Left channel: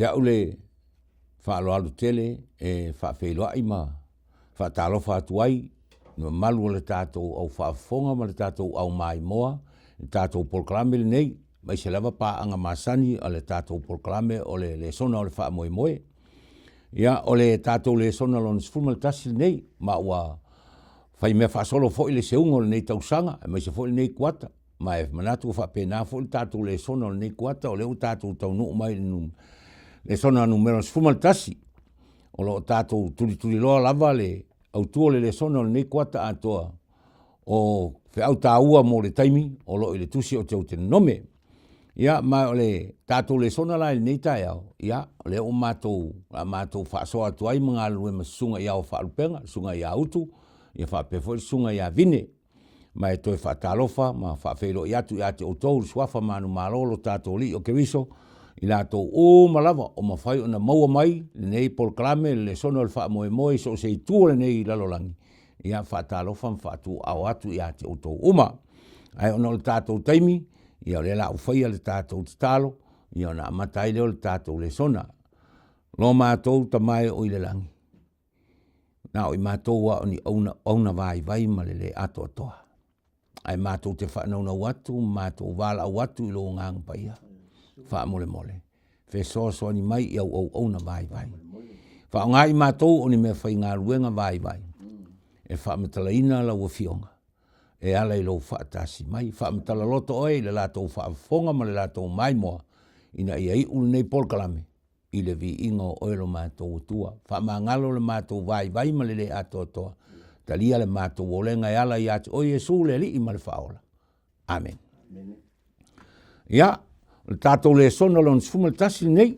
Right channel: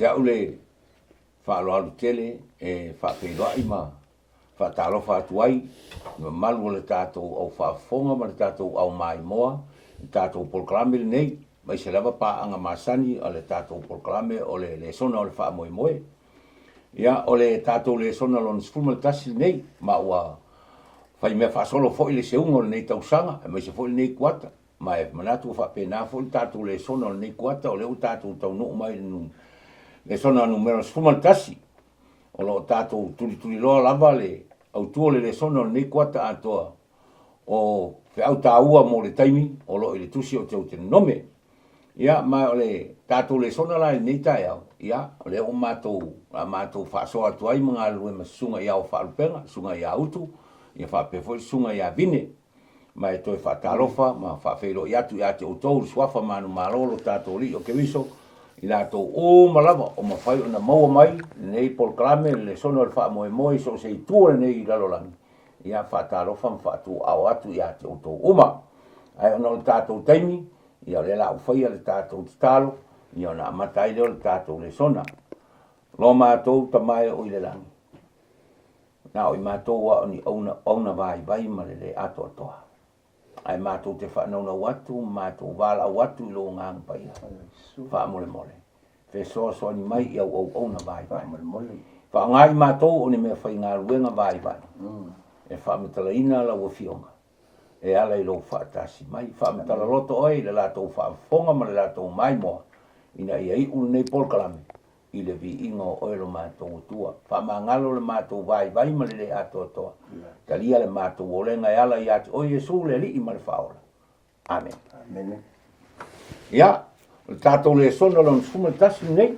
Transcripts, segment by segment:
te aule whaaloalu tele e whapeiroai ma whaatalofa atuai malu o le tātou au whaafonga ma le tātou au mai moa le tātou polklame le nei mai se lava paanga masani o le tātou polklame o le Lesona o le whaamoemoe ia o le tātou Lesona lon sfuma le tasi nei ma ua whai mea whaasolo fo i le seunga o le nei tausanga mai se fo i nei kuata ma e manatu whapena fo le tātou Lesona o le nei kuata o leu tātou tau nuu mai Lesona numero sfuma le tasi o lo tātou turi loa lava le au tua le Lesona o le nei kuata atoa o whiau tāua mo le taimi o lo i le tusi o Teuteronome ia ma le tātou Lesona la nei tae au ia le o mātou whaasoa atuai mga alue ma sunga ia o whaarupenga sunga ia utu ia whaapefoi sunga ia vine ma e toi whaatalofa ma whaafeiro i atu i ate utou swafa manu malolo tātou li o kewiso i lātou o malawa o mawhai o na maua mai nei polklame le Lesona o le whaamoemoe so se i tua nei lalolangi ia whaatalofa mwhaatu au atu i ate utou uma ai ona o le tātou taimi ia o le la ufai le tātou talo ia ona amatai leo le tātou Lesona lo mātou tamai o i le langi na o i mātou wa oni auna vai ma le ato atoa ai mātou te whanau watu mātou wala watu i lo ngang paia whaamole so ni mai i au auna vai whaangai mātou o ni mea whai ngā ruenga vai e whaamatalaina la uafionga e ala i lo whaatasi mai whaamatala loto oi le lātou whaafonga ma le lātou mai moa ina ia i un nei polkalame i le vi ingo o elo mātou tua whaamangalo le mātou vai ma le ato toa talia le mātou o lenga e ala i ati o Jesu le li i ma le whaola amen ia le tātou Lesona lon sfuma le tasi nei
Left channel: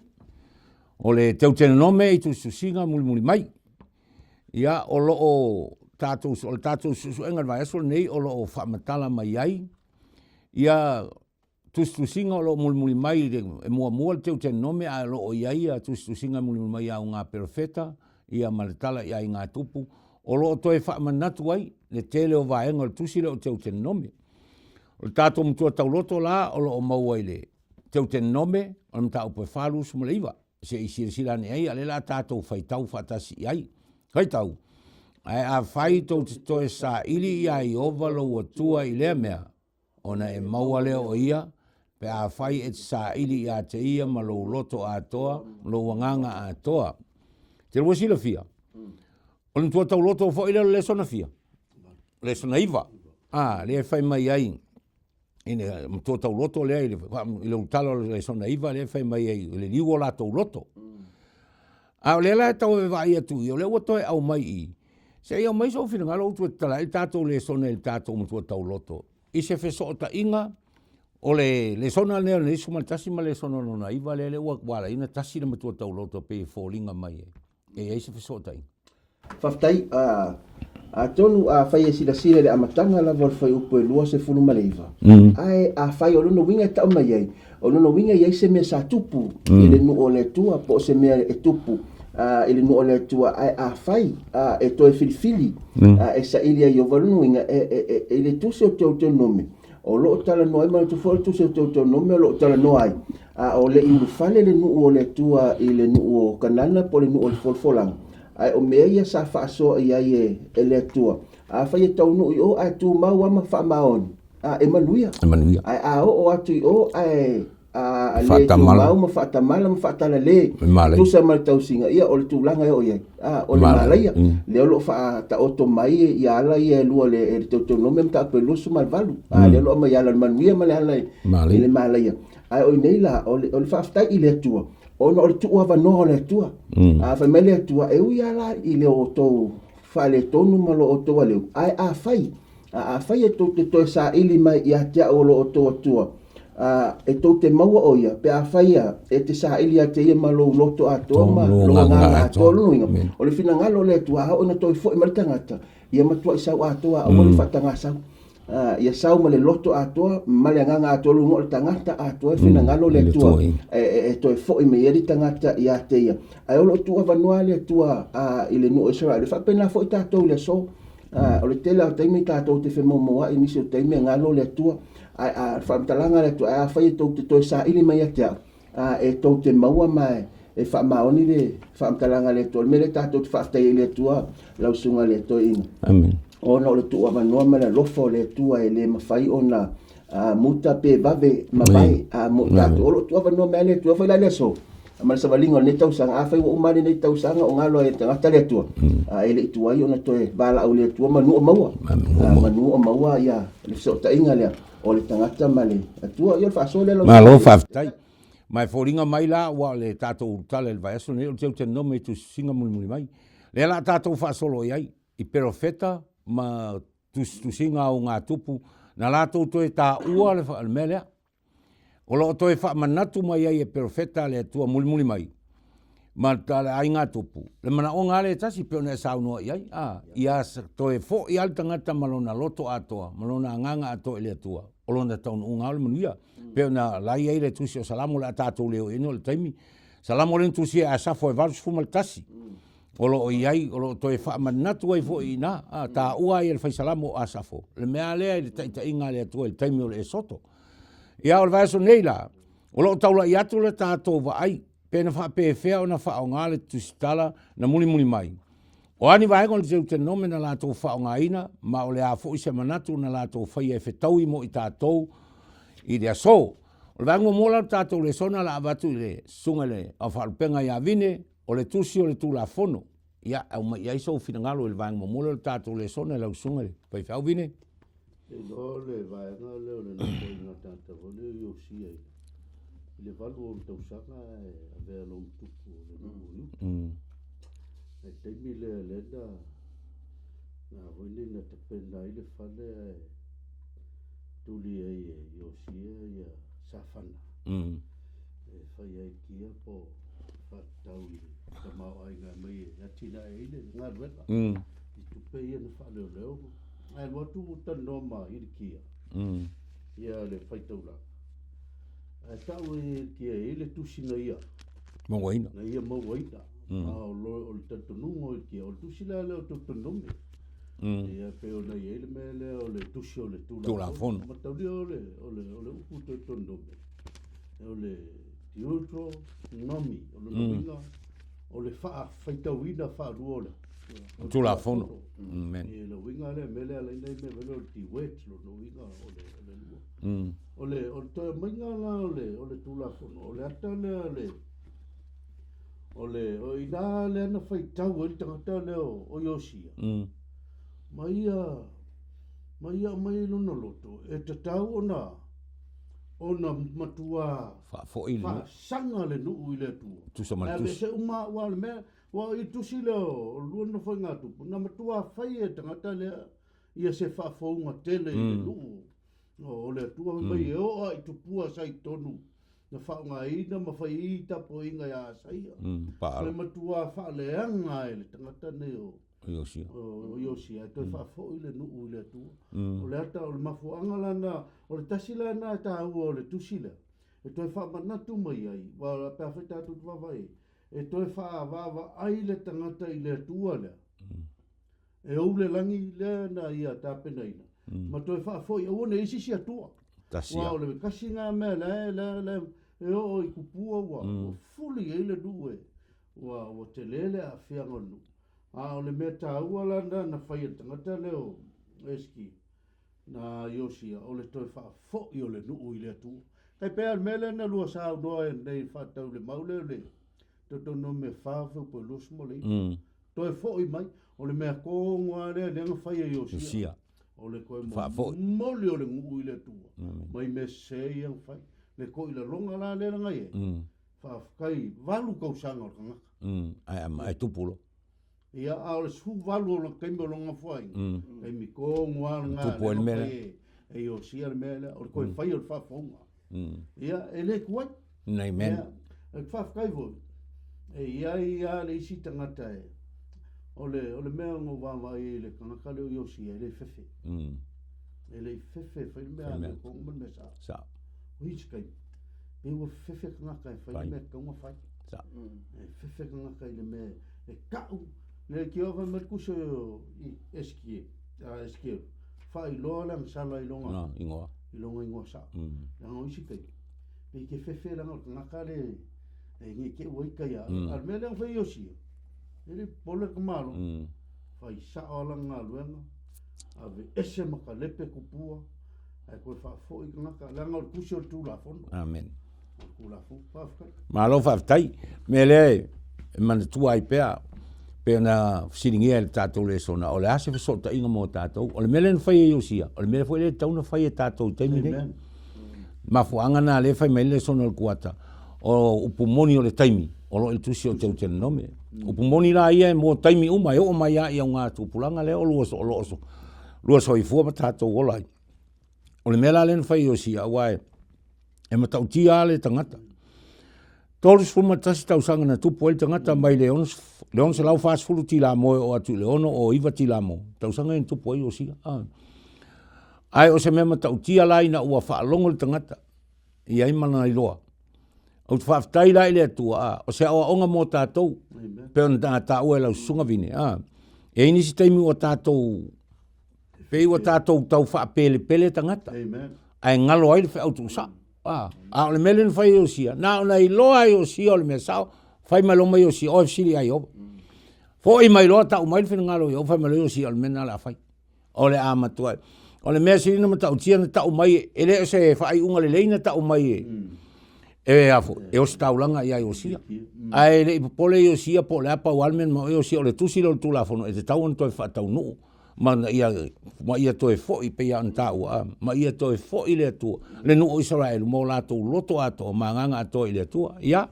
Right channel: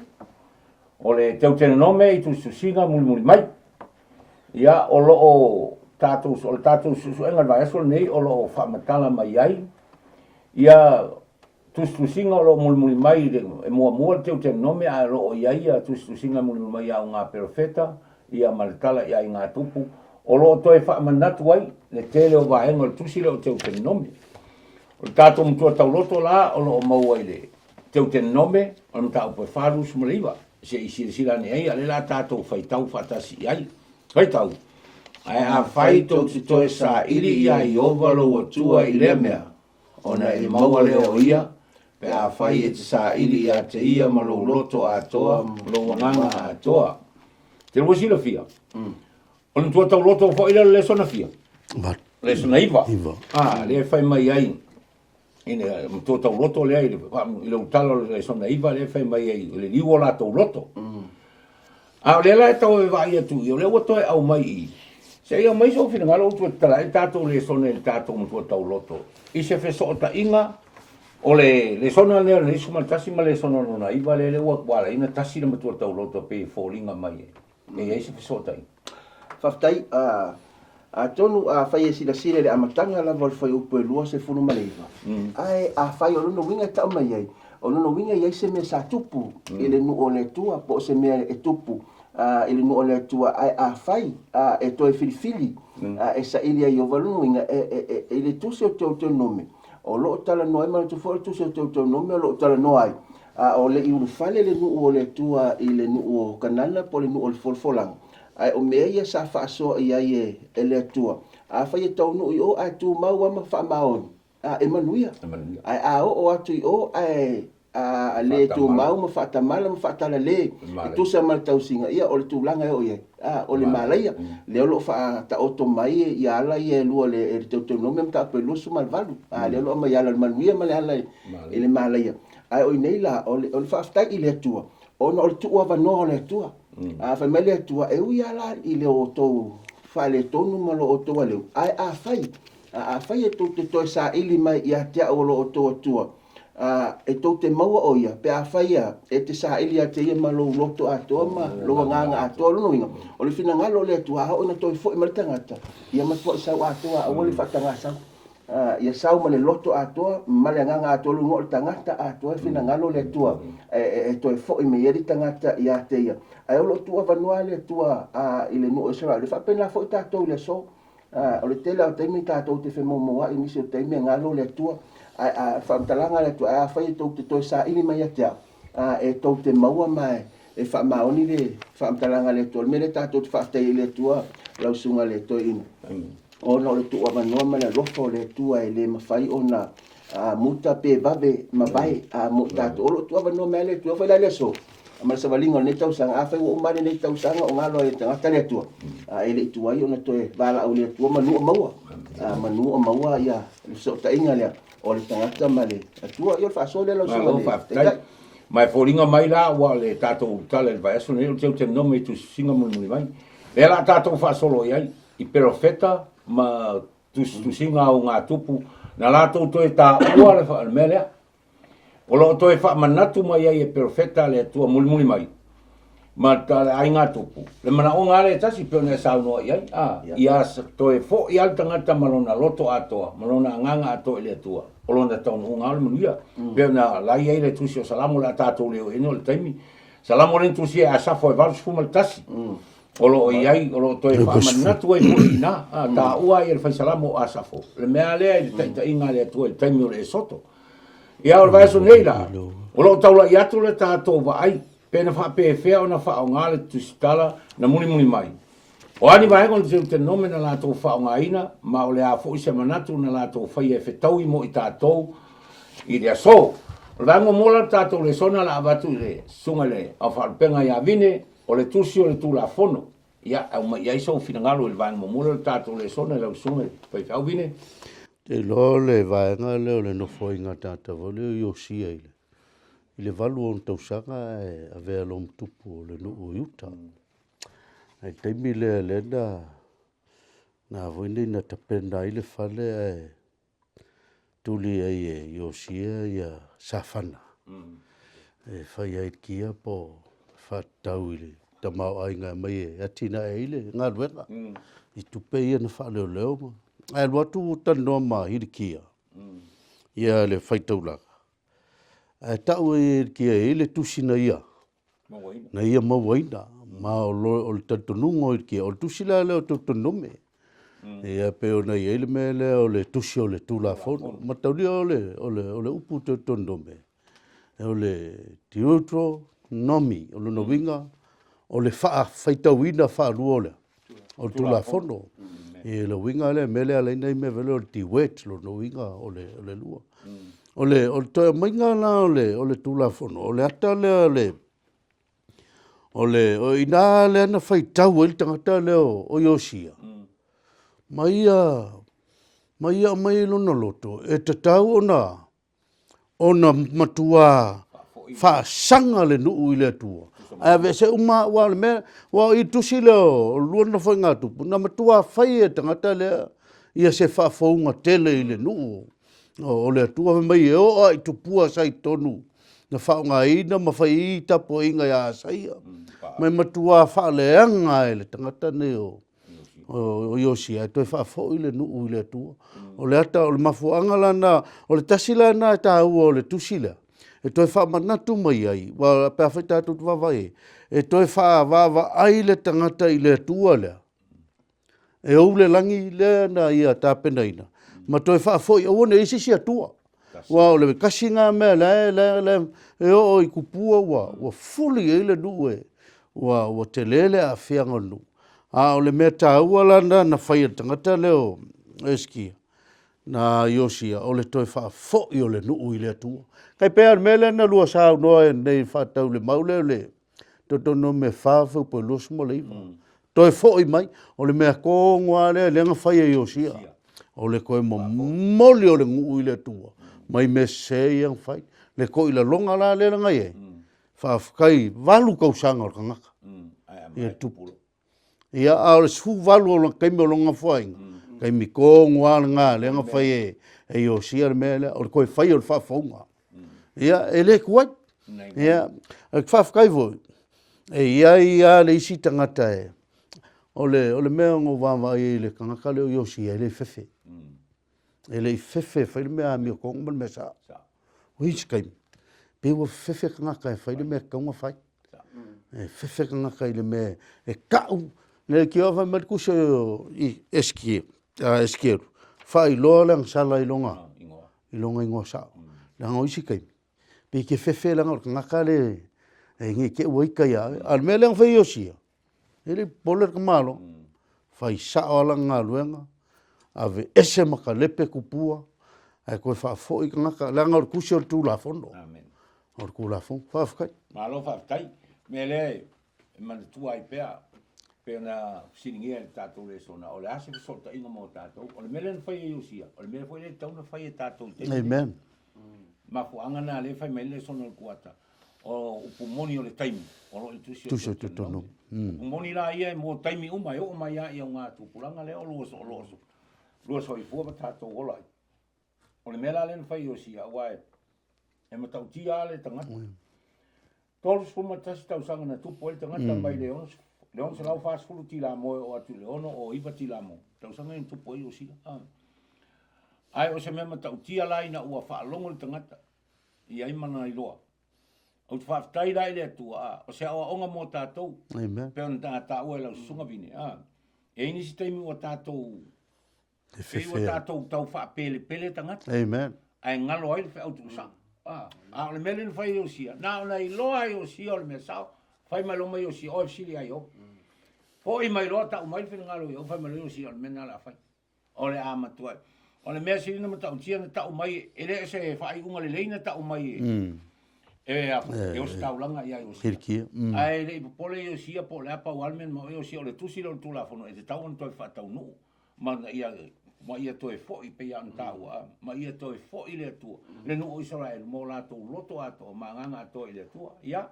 o le Teuteronome i Tusitusiga Mulimuli mai ia o loo tātou susuenga vai aso nei o loo whaamatala mai ai ia Tusitusiga o loo Mulimuli mai e mua le Teuteronome a loo iai a Tusitusiga Mulimuli mai au ngā perofeta ia maletala ia i ngā tupu o loo toe whaamanatu ai le tele o vaenga le tusi le o Teuteronome o le tātou mtua tauloto la o loo maua i le Teuteronome o le mta upe wharu sumaleiva se i sira ni ai ale la tātou whaitau whatasi i ai whaitau ai a whai tau toe sa ili ia i ovalo o tua i lea mea ona i maua leo o ia pe a whai e sa ili ia te ia ma lo loto a toa lo wanganga a toa te rua sila fia o le tua tau loto o whaile le Lesona fia Lesona iwa le whai mai ai ine mtua tau loto lea i le utalo le Lesona iwa le whai mai ai le liwa la tau loto a le la e tau e vai atu i o le wato e au mai i se ia mai so fina ngalo tu tala i tātou Lesona i tātou mtua tau loto i se feso o ta inga o le Lesona lea le isu maltasi ma Lesona lona iwa le wala ina tasi na mtua tau loto pe i fōringa mai e se feso o ta inga Whaftai a tonu a whai e sila le amatanga la wal whai upo e lua se funu maleiva. Ai a whai o lono winga tau mai ai. O lono winga iai se mea sa tupu i le nu o le tua po se mea e tupu i le nu o le tua ai a whai e toi filifili e sa ili ai o walunu winga e le tuse o Teuteronome. O loo tala noai ma le tufo le tuse o Teuteronome o loo tala noai. O le iu fale le nu o le tua i le nu o kanana po le nu o le folfolanga. Ai o mea ia sa whaasoa i ai e le tua. A whai e tau nui o ai tu mau ama wha maoni. E manuia. Ai a o atu i o ai le tu mau ma whaatamala ma whaatala le. Tusa ma le tau singa ia o le tūlanga e o iai. O le malaia. Leo lo wha ta oto mai i ala i e lua le Teuteronome mta ape lusu ma le valu. Leo lo ma i ala le manuia ma le ala i le malaia. Ai o i nei la o le whaaftai i le tua. Ona o le tua wanoa o le tua. Whai mai le tua e ui ala i le o tau whale tonu ma lo o toa leo. Ai a whai. A whai e tau te toi sa ili mai i a tea o lo o toa tua. E tau te maua o ia. Pe a whai a e te sa ili a te ia ma lo loto a toa ma lo nganga a toa lunu inga. O le whina ngalo le tua a o na toi fo i maritangata. Ia matua i sau a toa o le whatanga sau. Ia sau ma le loto atoa ma le nganga atoa lungo le tangata atoa fina ngalo le tua e toi fo i me eri tangata ia te ia ai o lo tua vanua le tua i le no Israel le fa pena fo i tatou le so o le tele o taimi tatou te fe momoa i nisi o taimi ngalo le tua a fa talanga le tua a fa i tou te toi sa ili mai atea e tou te maua mai e whaamaoni le whaamtalanga le tua, mele tātou whaatai le tua, lau sunga le toi ina. Amen. O na o le tua manua mana lofo le tua e le mawhai o na muta pe bave mawai, tātou o lo tua manua mea le tua, whai la le so. Ma sa valinga ne tau sanga afa o umane ne tau sanga o ngalo e tangata le tua. E le tua i ona toe bala au le tua manu o maua. Manu o maua ia le so ta inga le o le tangata male. Tua i o fa so le lo. Ma lo fa. Mai foringa mai la wa le tatou tale vai so ne te nome tu singa Mulimuli mai. Le la tatou fa solo ia I profeta ma Tusitusiga o ngā tupu na latou toe ta ua le fa mele. O lo toe wha manatu mai ai e perfecta le tua Mulimuli mai. Ma ta le ai ngā tupu. Le mana o ngā le tasi peo ne sau noa iai. Ia toe fo i al tangata malona loto atoa. Malona nganga atoa i le tua. O lo na taun o ngā le manuia. Peo na lai ai le tusi o salamo le atatou leo eno le taimi. Salamo le tusi e asafo e valu sfuma le tasi. O lo iai, o lo toe wha manatu ai po ina. Ta ua i le fai salamo o asafo. Le mea lea i le ta inga le tua i taimi o le e soto. Ia o vai so nei la. O lo taula I atu le tātou wa ai. Pena wha pe fea o na wha o ngā le tusitala na Mulimuli mai. O ani vai kon Teuteronome na lātou wha o ngā ina. Ma o le a fo I se manatu na lātou whai e whetau I mo I tātou. I rea so. O le vango mola tātou Lesona la abatu I le sunga le. A whalpenga I a vine. O le tusi o le tūla fono. Ia au mai ai so finangalo I le vango mola tātou Lesona lau sunga le. Pai whau vine. Te lo le vaenga leo le nofo I ngā tātawa leo I o sia I le. I le valu o tausanga e a vea lo mtupu o le nuu iuta. Ai teimi le lena na voine na tapenda I le fale e tuli ai e I o sia I a safana. E whai ai kia po whatau I le tamau ai ngā mai e atina e ile ngā ruenga. I tupe ia na whaleo leo ma. Ai watu tanoa ma hirikia. Ia le whaitaulaga. Ai tau e kia e le tusina ia. Mawaina. Na ia mawaina. Ma o le tatonungo i kia. O le tusila leo Teuteronome. Ia peo na ia ile me leo le tusi o le tūlafonu. Ma taulia o le upu Teuteronome. O le Teuteronome. O le nowinga. O le whaitauina whaarua o le. O tūlafonu. E le winga le mele ala ina I me vele o ti wet lo no winga o le lua. O le toa mainga la o le tūlafonu. O le ata le o ina le ana whaitau e tangata le o Iosia. Mai lona loto. E tatau ona matua whaasanga le nuu I le atua. A vese uma wa le mea, wa I tusi leo, luana whai ngā tupu. Na matua whai e tangata lea, ia se whaafaunga tele I le nuu. O le atua mai e o ai tupua sai tonu. Na whaunga ina, ma whai I tapo inga ia saia. Mai matua whaaleanga e le tangata ne o Iosia. Toi whaafau I le nuu I le atua. O le ata, o le mafuanga lana, o le tasila na ta ua o le tusi lea. E toi wha manatu mai ai, wa pēr whaitatu tu wawai. E toi wha wawa ai le tangata I le atua lea. E au le langi lea na ia tāpena ina. Ma toi wha foi, o ne isi si atua. Wa o le kasi ngā mea le, e o I kupua wa fuli e le nuu e. Wa te lele a whianga nu. A o le mea tā ua lana na whai tangata leo eskia. Na Iosia, o le toi wha foi o le nuu I le atua. Kai pēr mele na lua sao noa e nei whatau le maule le. Teuteronome whawhau po losmo le iwa. Toi fōi mai, o le mea kōngoa le lenga whai e Iosia. O le koe mo moli o le nguu I le tua. Mai me se iang whai. Le koe la longa la le ngai e. Whawhakai walu kausanga o kangaka. Ai tupulo. Ia a le su walu o kaimi o longa whai. Kaimi kōngoa ngā lenga whai e Iosia le mea le. O le koe whai o le whawhaunga. Ia, e le kuai. Ia, e whawhakai voi. E ia le isi tangata e. O le mea ngō wāwa e le kangaka leo Iosia, e le fefe. E le fefe, whai le mea mi o kongo mea sa. O isi kaimi. Pewa fefe kangaka e whai le mea kaunga whai. E fefe kangaka I le mea e kau. Le ki o whai marikusa I eskieru. Whai loa lang sala I longa. I longa ingoa sa. Langa o isi kaimi. Pe ke fefe langa o ngaka le ngi ke woi kai al meleng fa yosia ele poler kamalo fai sa ala ngaluenga ave ese makalepe kupua ai ko fa fo i ngaka langa o kusio tu la fondo amen o ku la fo fa fa malo fa tai mele man tu ai pe na siningia el tato Lesona o le ase fa solta inga mo tato o le mele fai yosia o le mele foi le tau na fai tato te amen ma fuanga na le fai mele Lesona el kuata o upumoni o le taimi o lo el tusi o Teuteronome upumoni la ia mo taimi uma o mai ia nga tu pulanga le o lo so i fu tato o la o le mela len fai yosia wai e matau tia le tangata todos fuma tasi tau sanga na tupu el tangata mai leon se lau fast fulu tila mo o atu leono o iwa tila mo tau sanga en tupu el yosia ai o se mema tau tia lai na ua whaalongo le tangata i ai mana i loa o te whaftai lai le atua o se awa onga mo tātou pe on tā ua lau sunga vine e inisi taimi o tātou fei o tātou tau whaapele tangata ai ngalo ai le wha autu sa a le melen fai yosia na ona i loa yosia o le mea sao fai mai loma yosia o fsiri ai o fo i mai loa tau mai fina ngalo i o fai mai loa yosia o le mena la fai o le amatua o le mea siri na matau tia na tau mai ele se fai unga le leina tau mai e o staulanga ia yosia ai le pole yosia po le apa walmen mo yosia o le tusi lo tu la fono e te tau on toi fa tau no ma ia toe fo i pe an tau ma ia toe fo i le tu le no Israel mo la to loto ato manganga ato i le tu ia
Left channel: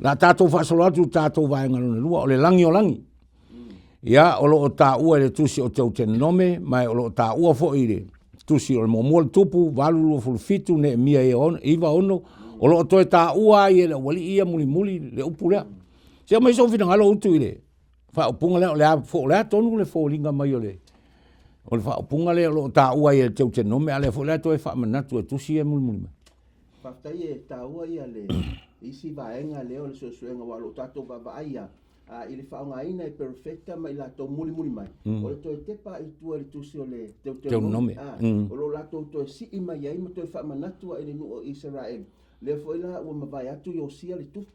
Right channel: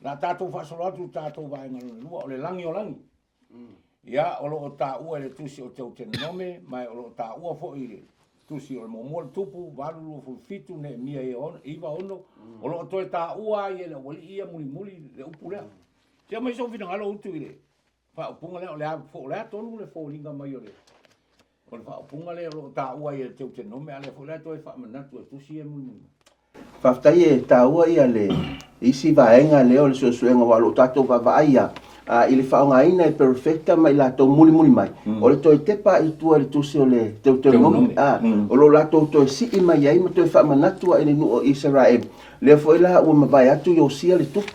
la tato fa solo tu tato vai ngalo lua o le langi o langi ia o lo ta u le tusi o Teuteronome mai o lo ta u fo i le tusi o mo mo tupu valu fo fitu ne mia e on iva ono o lo toe ta u ai le wali ia mulimuli le upula se mai so fina ngalo utu ile fa punga le fo le tonu le fo linga mai ole o le fa punga le lo ta ua e Teuteronome ale fo le to e fa manatu tu si e mulimuli fa tai ta ua ia le isi vaenga le o le suenga wa lo tato va vaia ili fa nga ina e perfecta mai la to mulimuli mai o le to e tepa i tu le tusi o le Teuteronome o lo la to si i mai ai ma to e fa manatu e no Israel le foi la o vai atu yosia le tupu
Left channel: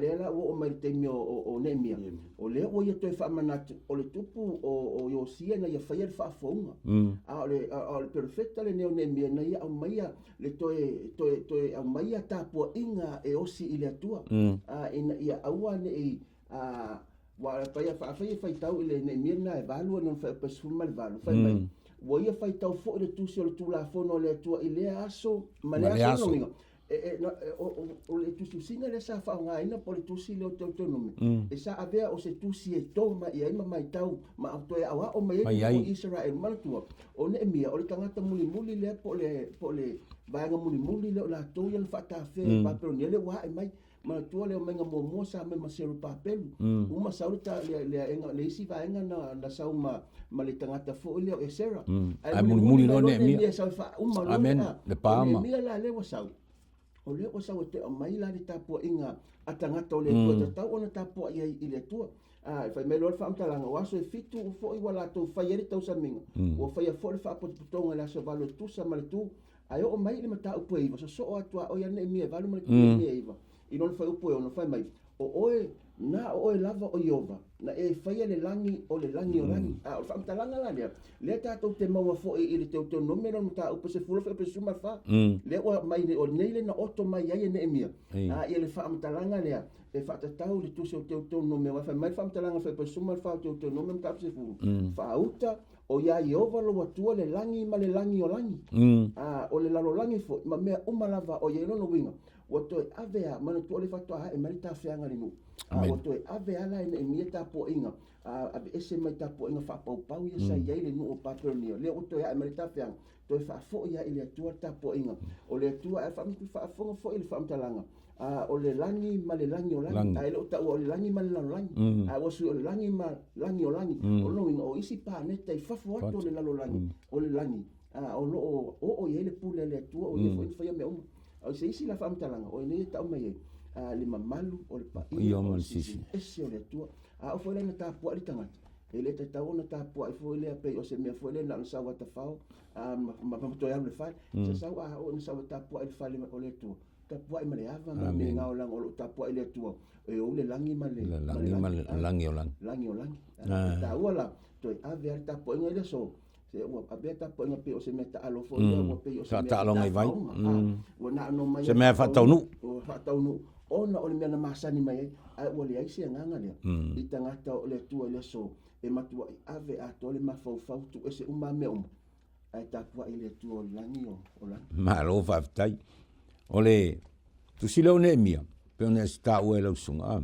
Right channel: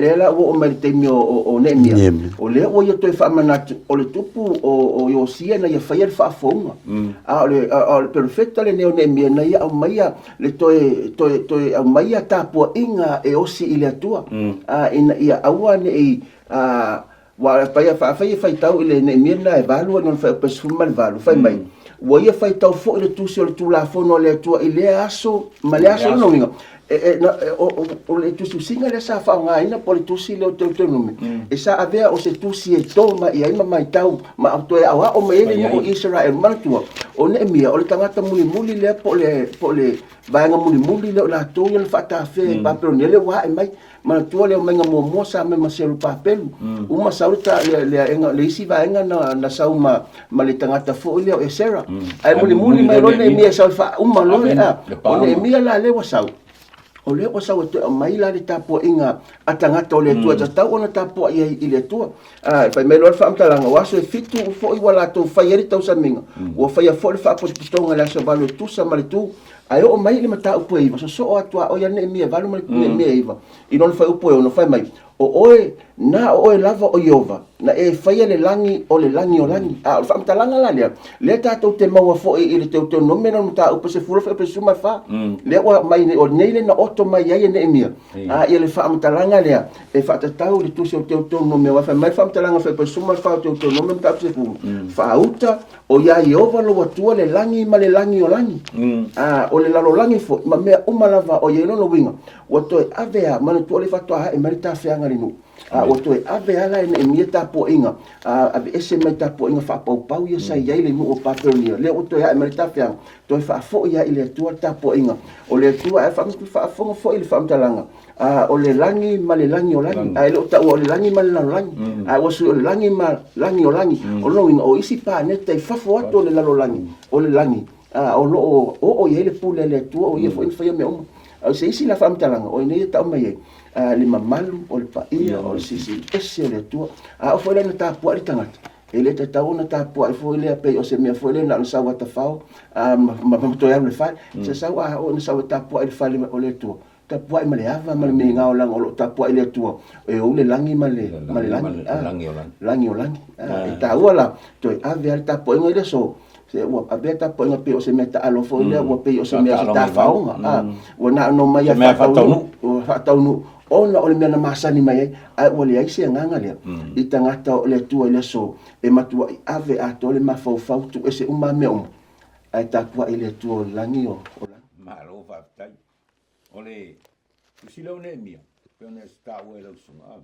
le la o mai te mio o nemia o le o yo to fa manatu o le tupu o yosia na ia fai le fa fonga o le perfecta le neo nemia na ia o mai le to o mai ta po inga e osi ile atua ina ia aua ne wa fai tau ile nemia na e valu non fa pesfuma le valu fai mai o ia fai tau fo le tusi o le tu la fono le atua ile aso ma le aso no winga o le Tusitusiga le sa whaongaina po le tusi leo Teuteronome e sa avea o se tusi e toma i aima mai tau ma au toe awa o maele mo Israel manatua o ne emia o le tangata mulimuli lea po le vaenga mulimuli leo la tau ia le whaatawhe papeloni ele wa e mai manatua leo mainga mua sa me maselu papelu uma saurita le isi vaenga na sau ma le tangata fo leo e sera ai mulimuli mai rone emia sa uma lone o ne emia la lewa sau o le o sawa te mai la le tapo inga atangata o le tua tau ona tapo ia i le tua fai me lo fa mtalanga waso e fitu fo i wala to fai eri tau saminga o fai a fo le fa positonga la so valo tu sa male tu ai o mai le mata upo iva so atua o ia ne mia valo male mia iva i non fai upo o no fai mai o oe lava o Iova na e fai le langi o langi fa mtalanga la le tatou te maua fo i le Teuteronome no mata upo se furo fe suma fa le o mai o nei na oto mai ai ne mia ia le fa mtalanga le e fa tatau le tusi o Teuteronome wa fa mai fa mtalanga fe suma fa o Teuteronome mata se fu fa uta o ia Iova lo atua le langi ma le langi o langi o le lalo langi fo ma mea umalava o ia no winga o to avea ma to le fa to e marita feanga linu o to avea la e mia tapo inga ave ese mai tapo inga fa pau ia sai ia le mu o patronia le o to e marita feanga to fa fo ia ile tua tapo inga o le tua fa fo ile fa mtalanga o le langi ma le langi o langi ai lo ta o le langi ma le langi o su le langi ma langi o langi o lo o isi pa ne te fa fo to le langi o le langi o lo o ia le pule le tua o ia fo fa me o se isi la fa mtalanga o ne ta mai le mamalu o le paia o le sisi ese le tua o fo le ta po le tangata ele te tau na ta po fo le pe o se me fo le na sa wa ta fa ma to ya le fa se sa wa o na sa ta po le fa o le tua tapua i male ava male me ngao lang o tapua ile tua e o le langi male langi o langi e ta wala to ave al tapua ngile so se wa abe tapua ngape o se meta alo fo ile wa pe o se me ta faunga wana no mai fa taunu ona o le mea na masani mai ai o le ai se nganga le i tangata o le tua ile so e matua i ave a to le mafaufau tu e se uma me o ai tapua ile tua langi o malo fa tai ole tusile o ne mia pe ona sta o ele sunga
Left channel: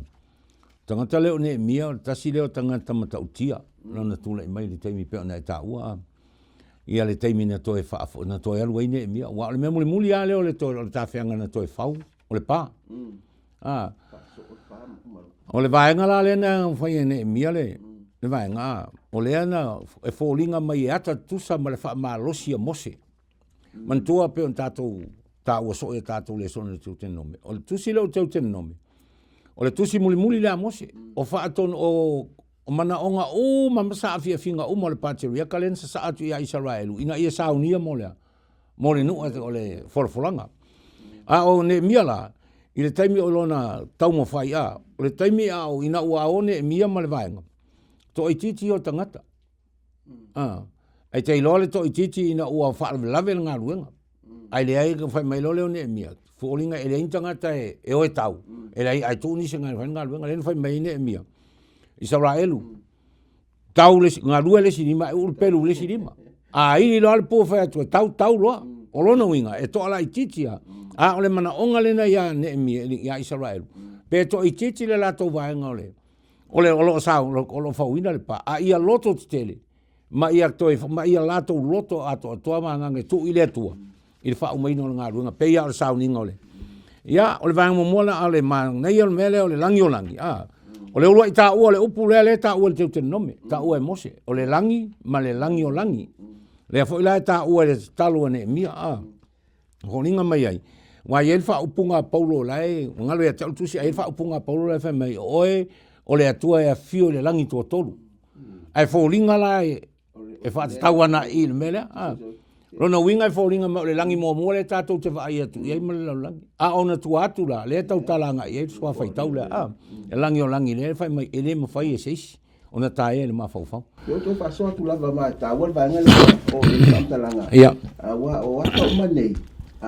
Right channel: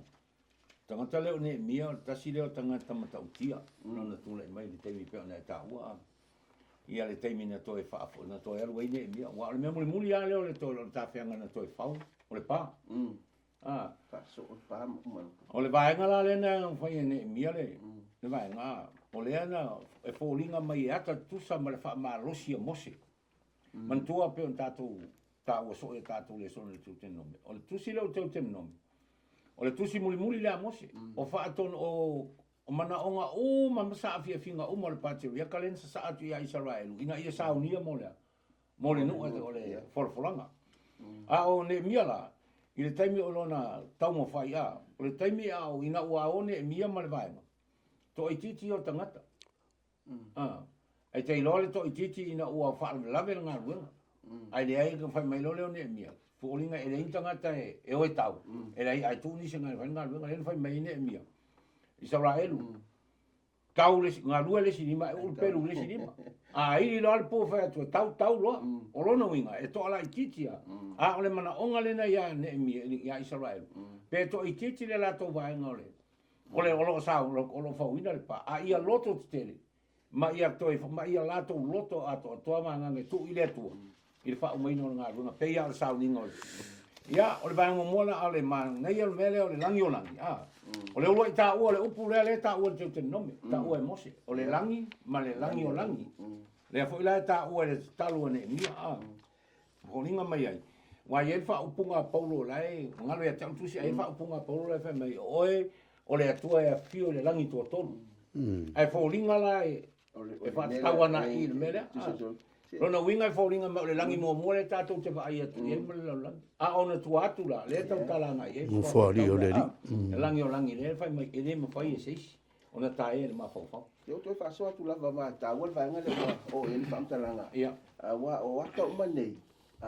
tangata le o ne mia tasile o tangata mata utia lona tula i mai le taimi pe ona ta ua ia le taimi na toe fa na toe alu i ne mia wa le Mulimuli ale o le to le tafeanga na toe fau o le pa o le vaenga la le na fai ne mia le vaenga o le ana e folinga mai ata tusa ma le fa malosi a mose mantua pe on tatou ta o so e tatou Lesona le Teuteronome o le tusi le Teuteronome o le tusi Mulimuli le mose o fa aton o mana onga o mamasa afia finga o mo le pateria kalen sa atu ia Israelu ina ia saunia mo le nu o le forfolanga o ne miala i le taimi o lona tau mo fai o le taimi o ina ua one mia ma le vaenga to i titi o tangata ai te ilole to i titi ina ua wha lave ngā ruenga ai le ai ka fai mai lole o ne mia fōlinga e le intangata e oe tau e le ai tūni se ngā ruenga le fai mai ne mia Israelu tau le ngā rue le sinima e urpelu le sinima ini lo al po fai atu tau loa o lona winga e to ala i titi o le mana onga lena ia ne mia ia Israelu pe to i titi le lato vaenga o lo sao o lo fauina le pa ia loto tele ma ia lato loto ato toa manga tu ile tua il fa umaino ngā ruenga pe ia o sao ninga ole ia o le vaenga momola ale ma nei o mele o le langi o le ua i ta ua le upu le ta ua le Teuteronome ta ua e mose o le langi ma le langi o langi le fo ila ta ua le talu ne mia ho ninga mai ai wa ye fa upunga Paulo lai ngalo ya tau tusi ai fa upunga Paulo le fa mai oe o le atua e fio le langi to tolu ai fo linga lai e fa taua na il mele Rona winga fo ringa ma le langi mo le tatou te vai atu ia ma le langi ona tu atu la le tau talanga ia so fa tau la e langi o langi le fai mai ele ma fai e seis ona tae le ma fau yo to fa so tu la va ta wal va ngale o le talanga ia wa ta ma nei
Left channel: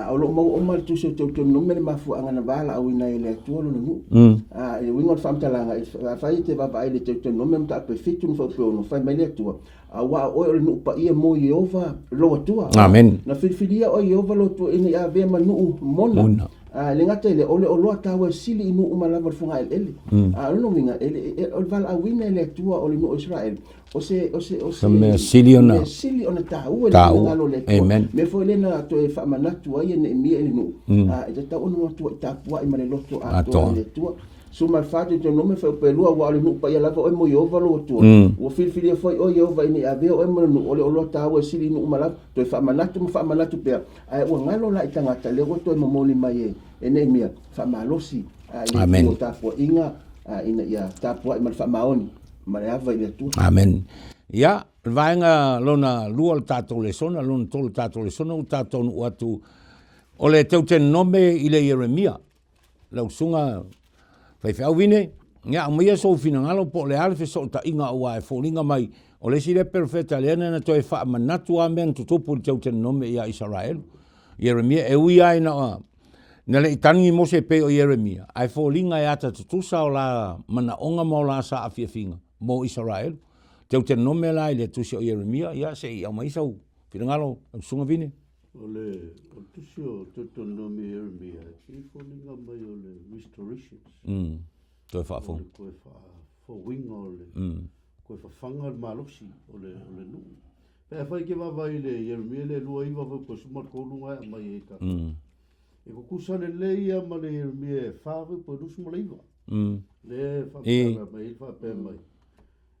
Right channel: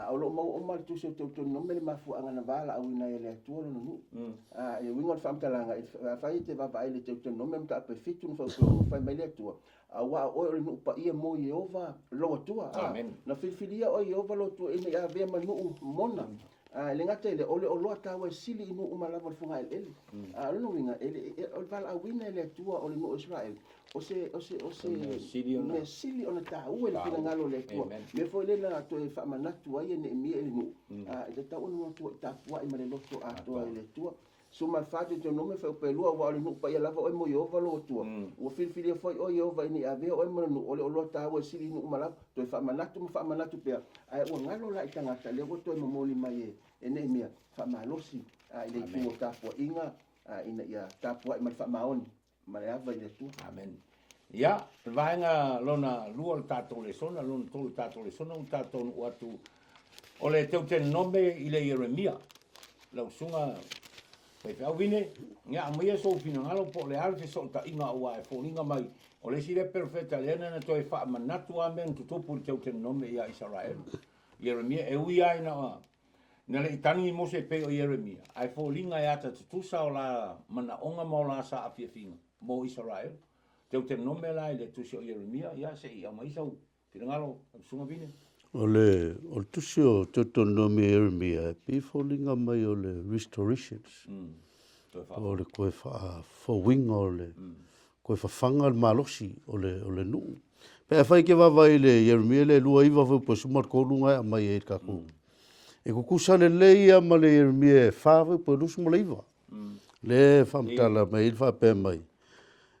o lo mo o mal tu se Teuteronome le mafu anga na bala au ina ile tu lo nu e winga fa talanga fai te va vai le Teuteronome ta pe fitu fo no fai mai le tu wa o le nu pa ia mo Jehova lo tua amen na filia o Jehova lo tu ini ave manu mona le ngata le o lo ta wa sili inu malava funga ele no winga ele o val a wina le tua o le no Israel o se me siliona ta u le amen me fo le na to e fa manatu ai ne mi ele no e ta onu tu ta wa i male loto a to le tua suma fatu to nome fa pelua wa le no pa ia lava o mo Jehova lo tu o filia foi o Jehova ini ave o mo no o lo ta wa sili inu malava to fa manatu pe ai o ngalo la itanga ta le to mo moli mai ene mia fa malosi amen ta po inga ina ia ta po i mal fa maoni ma le ava ile tu amen ia vaenga lona lua tatou Lesona lona tolu tatou Lesona u tatou nu atu o le Teuteronome i le Jeremia lau sunga fai wine ia mai so fina ngalo po le alfe so ta inga ua e folinga mai o le sile perfecta le na to e fa manatu amen tutupu le Teuteronome ia Israel Jeremia e ui ai na le itangi mose pe o Jeremia ai folinga e ata tutusa o la mana onga mo la sa afiafinga mo Israel Teuteronome la le tusi o Jeremia ia se ia mai so finangalo sunga vine o tusi o Teuteronome Jeremia pe folinga mai o le restorations to fa o le koe fa fo winga o le koe fa fanga malosi o le nu pe fai ke va vai le Jeremia le lua iva fo po smart ko lunga mai e ka e ko kusane leia ma le Jeremia fa po lusu mo leiva le fa mtala mai fa pe mai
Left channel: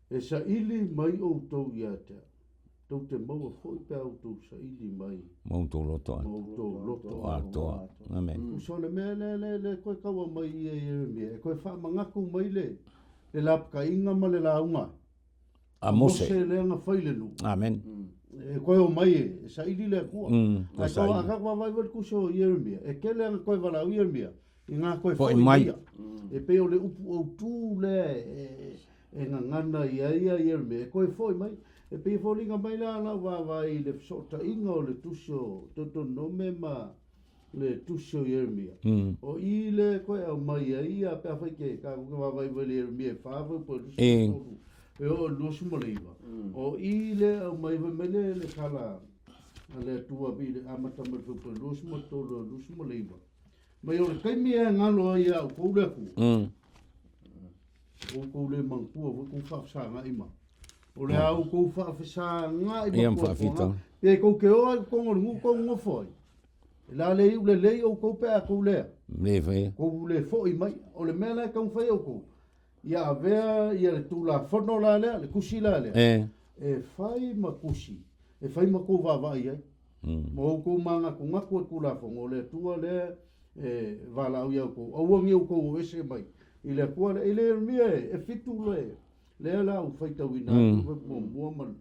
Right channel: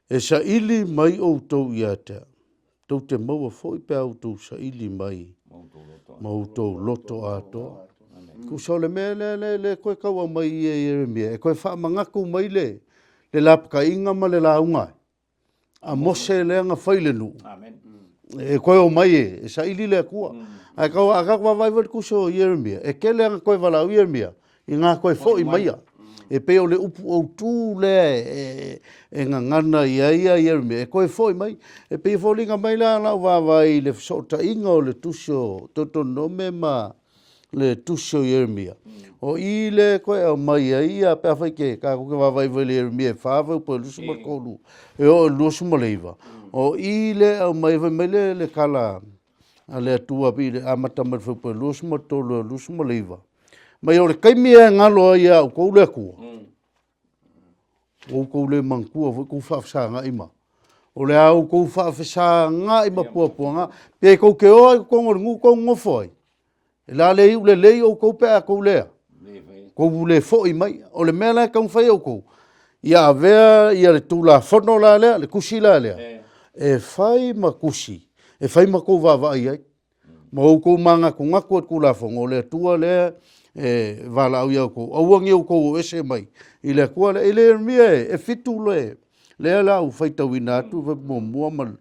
e sa ili mai o tau ia tau te maua foi pe au tau sa ili mai mau tau loto ato amen kusa le me le koe kaua mai e Jeremia e koe wha mangaku mai le lapka inga ma le launga a mose le anga whaile nu amen e koe o mai e sa ili le kua. Ai kau akakwa vai vai kuso Yeremia. E kele anga koe wala o Yeremia. I ngā koe fo i mai. E peo le upu au tū le e ngā ngana ia Yeremia. E koe fo i mai. E peo fo linga mai la nau vai le sota inga o le tusio Teuteronome ma le tusio Yeremia. O i le koe au mai ia pea fai ke ka kuke vai vai le Yeremia e whāwau po lusu makolu. E o lusu maleiva. O i le au mai vai mai le kala a le atua pi le amata mai fai po lusu matolu lusu maleiva. Mai o le kaimia ngalo ia o kou le kua. O kou le mangkua fai kou whaafsanga ima. O le au kou whaafsanga ima puapuanga. Pea kou ke oi kou ngu kou ngofoi. E la le iu le lei o kou pea kou lea. Kou le foi mai. O le mea lai kou whai o kou. Ia vea ia le tūla whono la lea, le kusi la lea. E whai ma kusi. E whai ma kou wawai ai. Ma o kou manga kou ngaku at kou la whongo. O le tua lea e wala au iau kou. Auangi au kou o ese mai. I le kua le ele mia e fitu le. Lea la u whai tawina atu whai mua mal.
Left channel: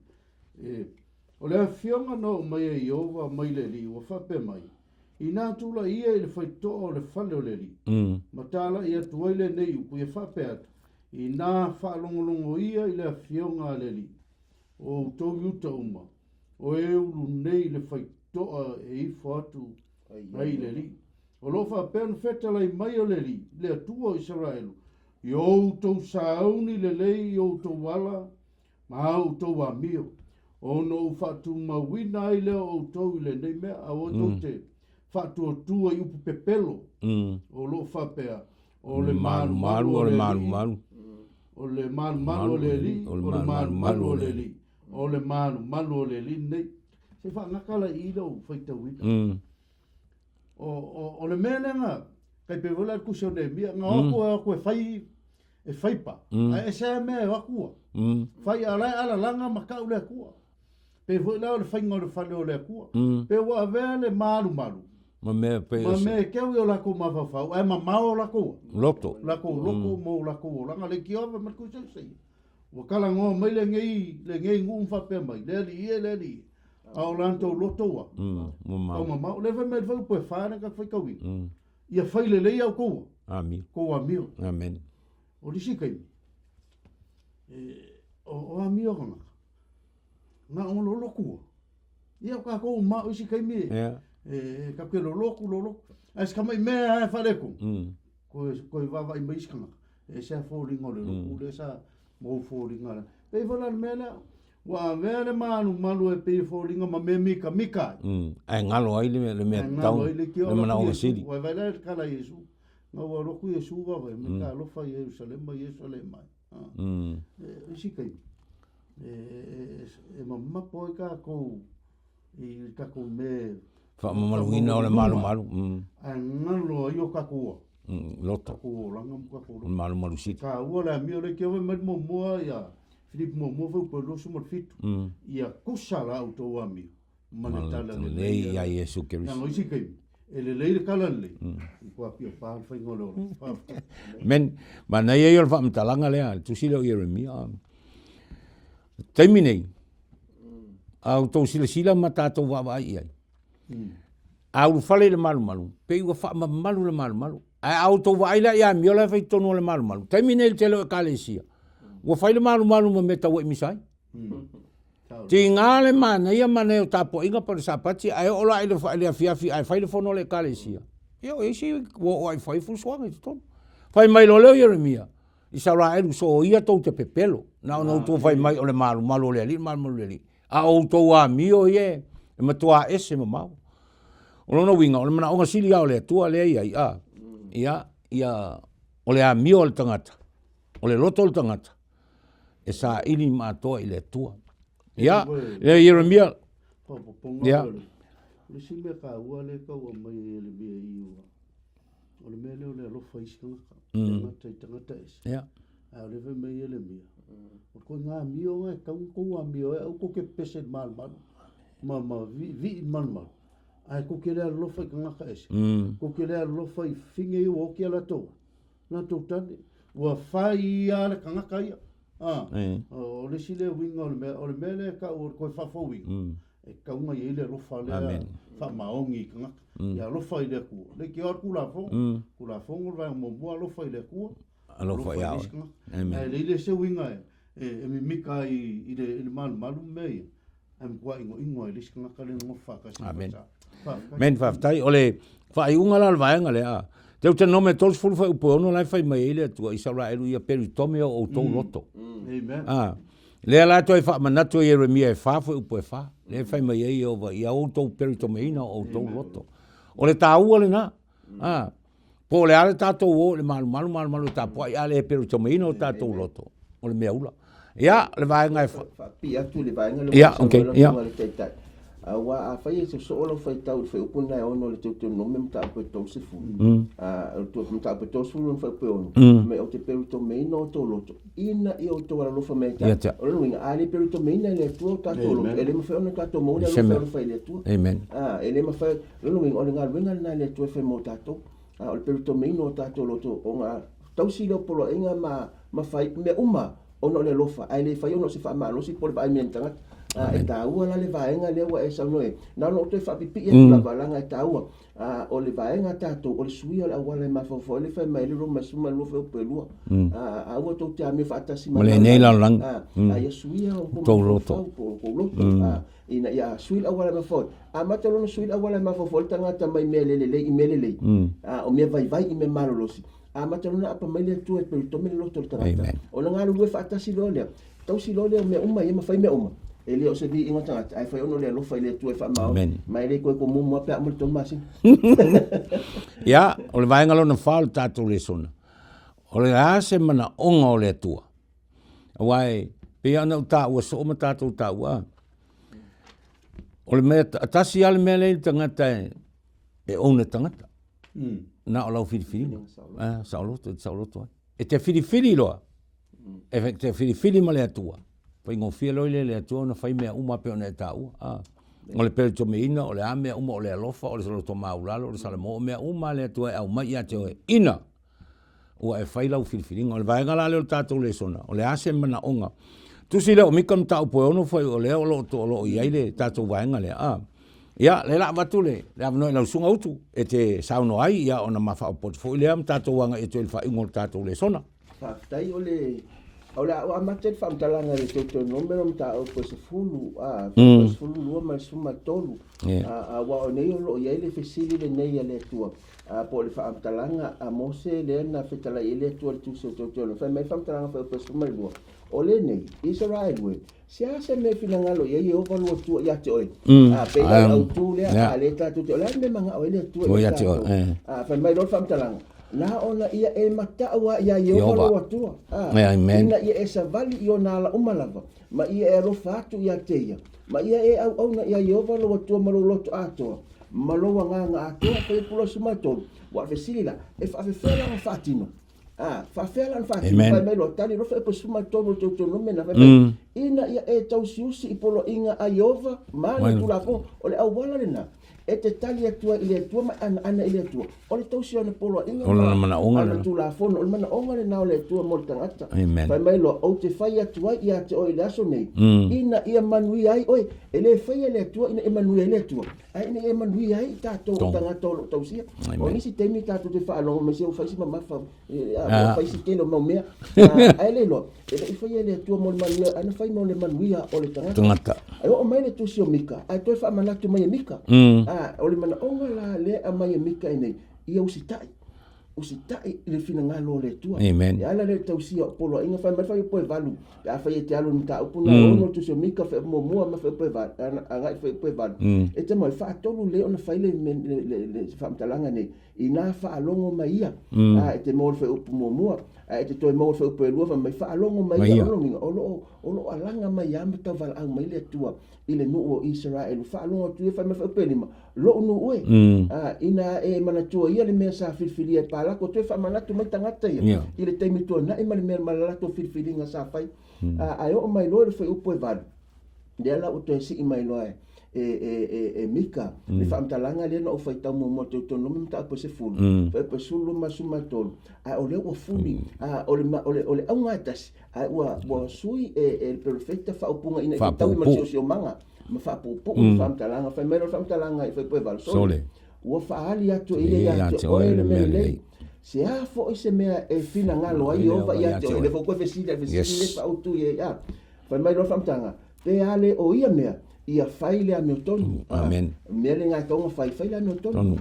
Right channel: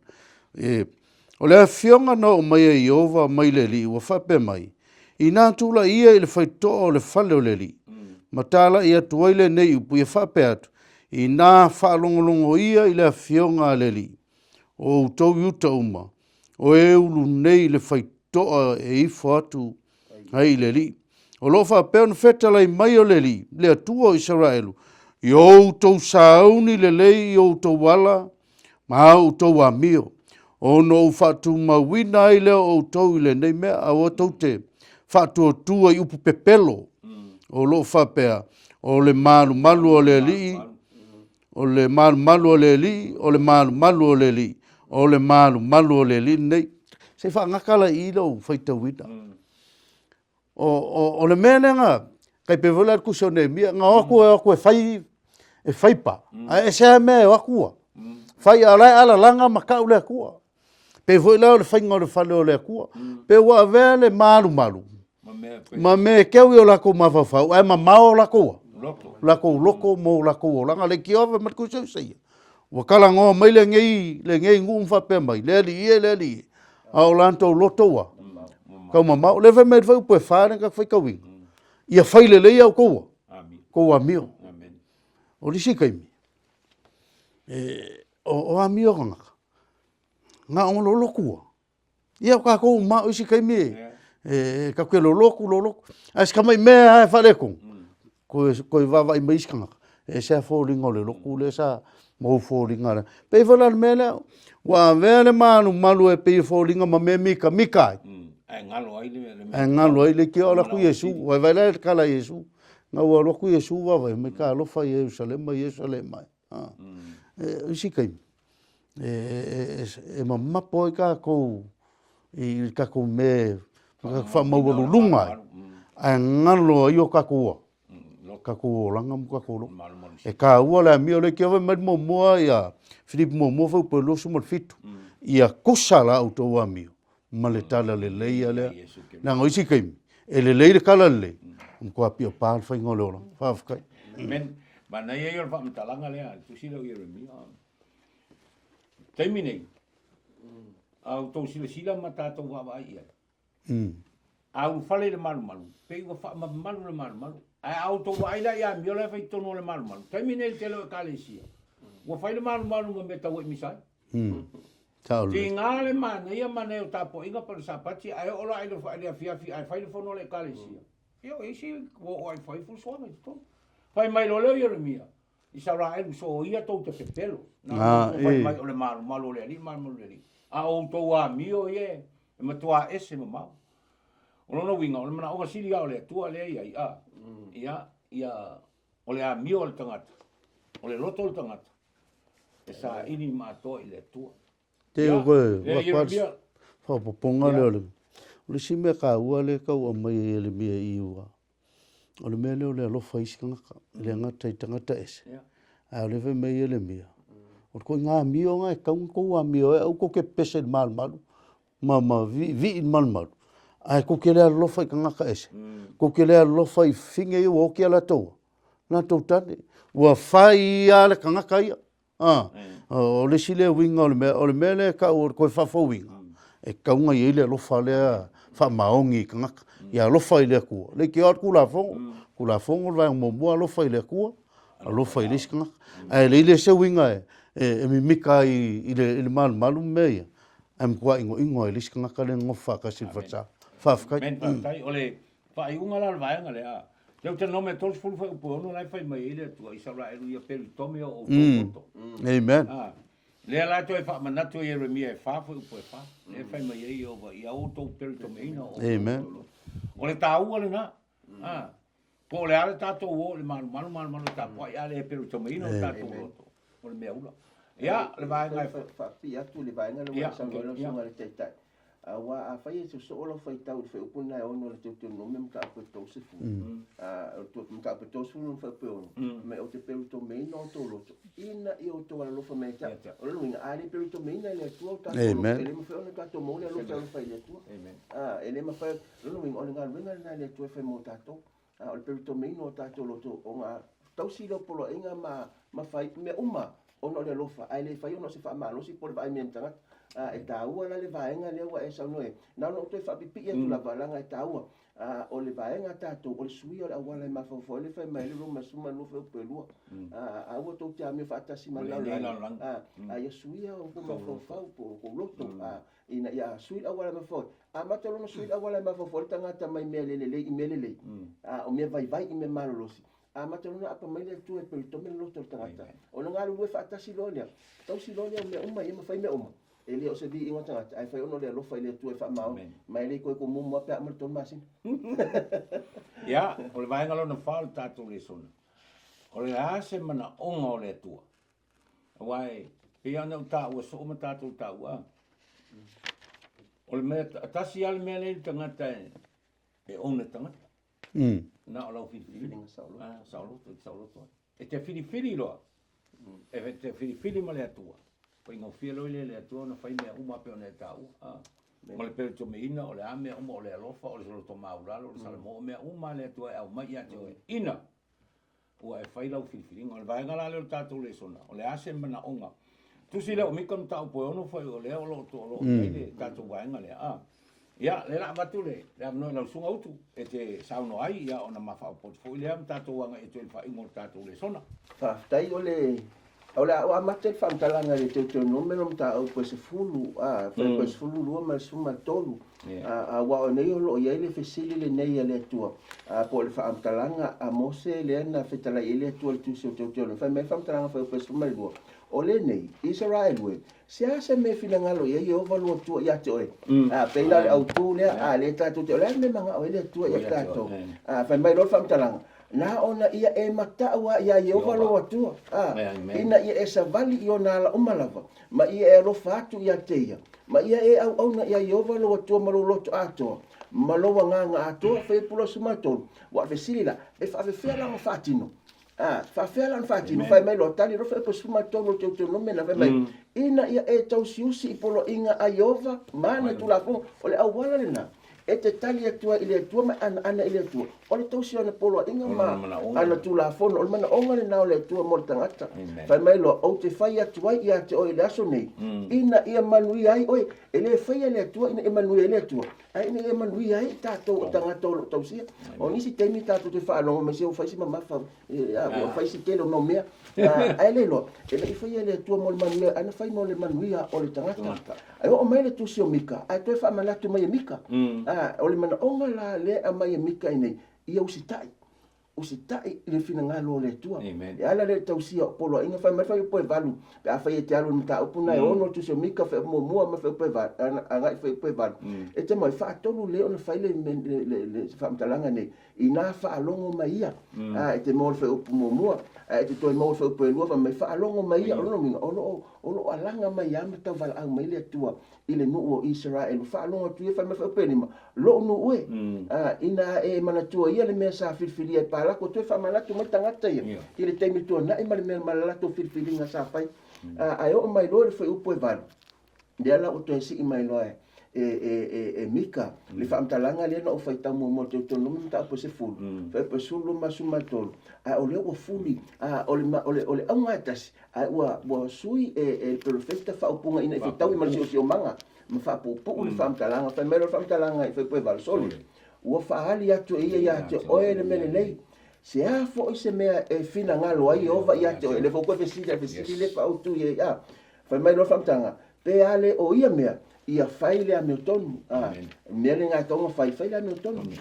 O lea fionga na o mai e Iova mai le li. Ua whape mai. I nā tūla ia i le whaito o le whale o le li. Ma tāla ia tuaile nei upu ia whape atu. I nā whaalongolongo ia i le fionga le li. O utau iuta uma. O e ulu nei le whaito e ifo atu ai le li. O lo whape anu whetalai mai o le li. Le atua o Israelu. I o utau sauni le lei i o utau wala. Ma au utau amio. O no whatu mawina i le o utau i le nei mea. A o tau te whatu tua i upu pepelo. O lo whapea. O le malu o le li. O le malu o le li. O le malu o le li. O le malu o le li nei. Se whaangakala i lau whaitawina. O le mene nga. Kai pe wala kuso ne mia. Nga oku e whaipa. E sea mea e wakua. Whai alai ala langa makau le kua. Pe wala o le whainga o le whale o le kua. Pe wa vele malu. Ma me keu i o lako mawhawhau, ai ma mao lako. Lako mo lako o langa, le ki ove mat kusau seia. Wa kala ngoa mai le ngei ngu mwhape mai, le li. Au lantou loto wa. Kau ma mao, le me whau pue whāne ka whai kawi. Ia whaile lei au koua. Koua mio. O lisi kaimi. O a mio ngaka. Nga ongolo lokua. Ia ka kou mao isi kaimi ka koe loloku. As ka mai mea e whaleko. Koe wawa i maiskanga. E sea fōringa le loku le sa mou fōringa. Pei whala mea leo. Wa vele malu e pei fōringa ma me mika ai. Ai ngalo ai le mea. Ai ngalo ai le ki o laku Yesu. Wai vai le kala Yesu. Nga ua loku Yesu wawa. Me ka alofa Yerusalem mai. Isi kai. E mamapo i ka kou. I ka kou me whamauarulunga. Ai ngalo i o kakua. Kakua langa mu kakua. E ka ua le amio le kia mai mua ia. Philip mua fau pe losu mal fitu. Ia kusala au tau amio. Ma le tala le leia le. Nanga isi kaimi. E le leia le kala le. Mkua pia pāl whai ngole ora. Whawhkai. Men, ma nei e ora whamtalanga lea. Tusi leo Yeremia. Taimi nei. Au tau sila ma tātou wawa ai ai. Au whale le malu. Pei ua wha malu le malu. Ai au tau waila ia miola whai tono le malu. Taimi nei le telo e kalesia. Ua whai le malu ma me tau e misai. Ti ngā le mana ia mana o tapo inga pa le sapati. Ai ola ai le whai le afiafi. Ai whai le whono le kalesia. Io eisi o ai whai fusuanga i tono. Whai mai lo leo Yeremia. I sa ra eru so ia tau te pepelo. Na o tau whai mai o le malu le li. A o tau a mio ie. E matua ese mamau. O lona winga, o le mana onga sili au le tua le ia. O le a mio le tangata. O le loto le tangata. E sa ili mātoa i le tua. Ia, le Yeremia. Whapoponga le. O le simea ka ua le kau a mai e le mea i ua. O le mea leo le alofa isi kangaka. Le ngata i tangata ese. A o le ve mea e le mea. O koe ngā mio ngā e kaunga kou a mio e au ko ke pese le malu. Ma vi malu. Ai ko ke lea lofa i kangaka ese. Ko ke lea lofa i finge i o ki ala toa. Nā tau tane. Ua whai a le kangaka ia. o le sile winga o le mele ka o ko fa fo winga e ka unga ye le lo fa le fa maongi ka ya lo fa ile ku le ki ot ku la fo va mo mo lo fa ile ku lo fa ile ska e le se winga e mi mika i le malu me am kwa ingo ile ska ka le ngofa ka si fa men fa tai ole fa unga la vaenga le a Teuteronome tols fulu fai upo ono lai fai mai ele tua Israelu ia Teuteronome o tō moto. Amen. Lea la toi fa manatu Jeremia e fa fai upo e fa. Lea fai mai e ova ia o tō Teuteronome o tō moto. O le tāua le na. Po le ale tātou o le malu tāpua ia le Teuteronome o tātou loto. O le mea ula. Ia le vaenga e fa. Pia tu le vaenga le ia, okay, ia. Wa a fai se so lo fai tau fai upuna e ono le Teuteronome mta apo tau se fu. Tu mta apo tau se fu fai pe ono. Me o te Teuteronome no to loto. Ina i o to la lo fa me ta. O lo winga ali Teuteronome le tu ta to. Ele me fai ono ta to mo le lo fai le tu. Amen. Ele me fai lo winga o le ngal winga na le tu fai mo ta to. O le Teuteronome no ta to loto o nga tau si lo polo inga ma fai me uma ono le lofa. Ai le fai ono se fa ma lo si por ba mientanga. E tāua la le vaenga le wa e saunoe. Nā no te whapipi e tula valanga e tāua. O le vaenga tātou, o le sui o le awala e mawhawha, le whai mai le roma suma lofa upe lua. Aua tau te ame whaatasi mana. Mole nei lau lang. Ia sui o kou loto. Ina ia sui la awala e mawhawha. Mata lono sui la awala e mawhawha, le tangata mai mea lelelei, i mea lelei. O mea vai i mea marolosi. Mata lono apa mai le tua e Teuteronome le loto le tangata. O na ngā lue whaatasi lo lea. Tau si lo lea mea uma, e mawhai mea uma. Ele o se di ingo tangata, ai fai ono le alofa ile tu e wha mau, mai le koe ko mumu ape amur tō masi. Ia, o le vaenga lona whālu tātou Lesona. O le ase mana onga o le atua. Awai, pe ana u tāua so oma tātou tāua. O le mea, atasi ale mea le tangata e ona tangata. Na o lau whiriwhiri. Sauloto. E te whiriwhiri loa. E te whiriwhiri ma le atua. Pai ngofia loile le atua na fai mea uma pe ona e tāua. O le Teuteronome o le amea uma o le alofa, o le saloto maulalo, o le salamo, o mea uma le atua e au mai ia te oe. Ina! Ua e fai lau whiriwhiringa. O le vaenga la leo tātou Lesona. O le ase mana onga. Tusi leo mika mta upo ono fai o leo lo to lo iai le tātou vaenga le. Ia, le la watu le avnoi lau sunga utu. E te sauno ai, ia ona mawha o portfolio lea tātou wanga e te ilfa ingo tātou Lesona. Tai o le... Ola o amatel fantalanga e Teuteronome o mta au se fulu se fulu lua ma suma tolu wa o nei o ia le fesili le nei le tua po le fantalanga a mose le na fetala ile tua le tusi o Teuteronome fa me fantalanga fa pe suma lua o le nei Israel we se ase me filanga lo ia o va lo tua ia te oi pe la au tu le le tatu le me manga o le tua fa mai lo fantalanga na ona ia e mataua ia Yehova lo atua. Ina ia e savali i ona ala umalava. Ma ia e alofa atu ia teia. Ma ia e au auna ia Yehova lo atua ma lo loto atoa. Ma lo wanganga atoa pe pula sumatolu. Wa fesili la e whawhewhela o whatino. Whawhewela o whatino. Pai mai lo tali rofa e pa sumatolu Teuteronome na whemai. Ina ia e tausiusi i polo inga a Yehova. Mana tulafu o le awala lena. E te tali atua i le atua ma ana i le atua. O le tausi ana polo inga ma ana tula fono. O le mana onga le nao le atua mo le tangata. Pai mai loa o te whai atua i ate o i le aso nei. Ina ia manui ai oi. E le whai le atua ina e manui ai le atua. Ai ina e manui ai tātou o tangata o lo tausia. O nisi teimi tātou te whaalongo me se o whaisi ma mawha. O whaisi telo mau mea. Ai le loa. E le whai le atua mo le manui. Ana whai mo le manui o le tangata. Ai o mai le tusi o mika. Ai toi wha manatu mai e mika. O le mana onga la le a mai e mika i nei. Ia usitai le fina ngalo le tua. Amen. Ala le tausia o polo inga fa mai fa po valu. Ka fa ye tialu nta upuna ono tu se mika fa mo ma fa po valu. Anga fa po valu. E te mai fa tonu le ona fa le fa mtalanga nei. Ina fa alongo mai ia. E te mo fa mo e te toi mo fa po lua fa mai fa alongo mai ia ono alanga mai ia mta val ang mai le tua. Ile nu o Israel fa alongo tu fa mai fa pe lima. Lo nu ue. Ina e mana tua ia le mea sa filfili e pala ko tu fa mana tu mai tangata ia. Ile te mi tu na e mana mea mana tu filfili nga sa fai. Ai o mai lo le foi upo e van. De ala o te si i mai lo e. mika le whaamtalanga le na o whaitau mo Teuteronome mta po se fulu pe sulu masuma tolu a ole o fuli a ole aunga tasi a ua sui profeta whaupunga ina i tau ma sio manga ma whapupu whaamtalanga whaimero whaamtalanga i whaipue valsole ua whaali atu ia te oe le mele se a fo se mea fina ngalo ai ova ia te le fo pe vesile le pautu ia whaimero whaamtanga pe ale o ia mea ia faile a meu tonu. Amen. Mele ngā tonga faile a meu tonu.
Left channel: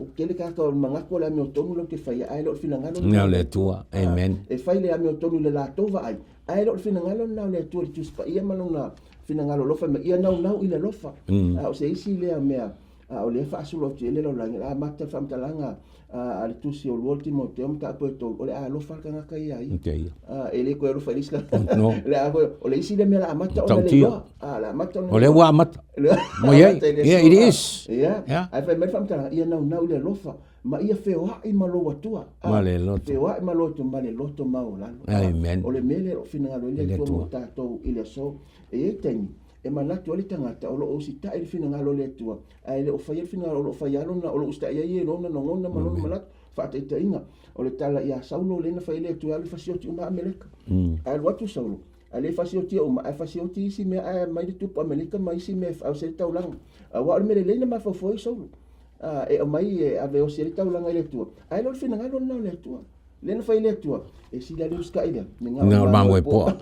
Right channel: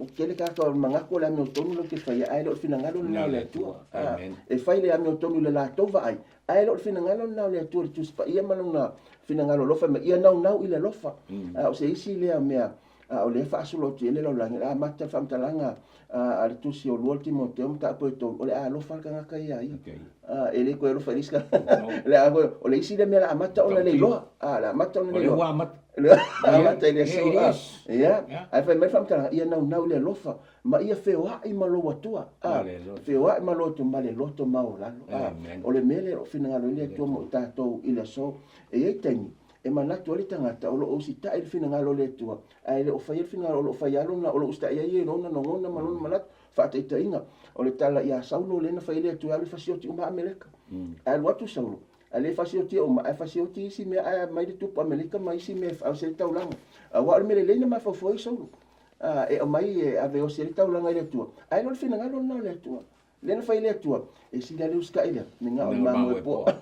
O kele kaka o mangako le a meu tonu lo ke faile ai lo fina ngalo. Ngau le tua. Amen. E faile a meu tonu le la tova ai. Ai lo fina ngalo nau le tua le tuspa ia manuna fina ngalo lofa me ia nau i le lofa. O se isi le a mea o le whaasulo ti ele lo langi. A mata whamtalanga a le tusi o lua Timoteo mta apo e tau. O le a lofa ka ngaka ia ai. Ele koe lofa riska. Le a koe o le isi le mea la amata o le loa. La amata o le wa amata. Mo ia, it is. Ia, ai whai mai whamtalanga ia nau le lofa. Ma ia wheoa i malo atua. Ma le loto. Wheoa i malo atua ma le loto mau lalo. Amen. O le mele o whinangalo ile atua mo tātou i le so. E ei taimi. E manatu ali tangata o lo o si tae le whinangalo le atua. Ai le o whai le whinangalo o lo whai alona o lo usta ia i e lona no ngona malona manatu. Whate ita inga. O le tala ia saulo lena whai le atua ale whasioti uma Amerika. Ai watu saulo. Ale whasioti o ma ai whasioti isi mea ai mai le tupu Amerika mai isi mea au se taulanga. Wa mele lena ma fofoi saulo. E o mai e ave o se taulanga le atua. Ai lo whinangalo na le atua. Lena whai le atua. E si la leuska ila. Ngā mango e poa.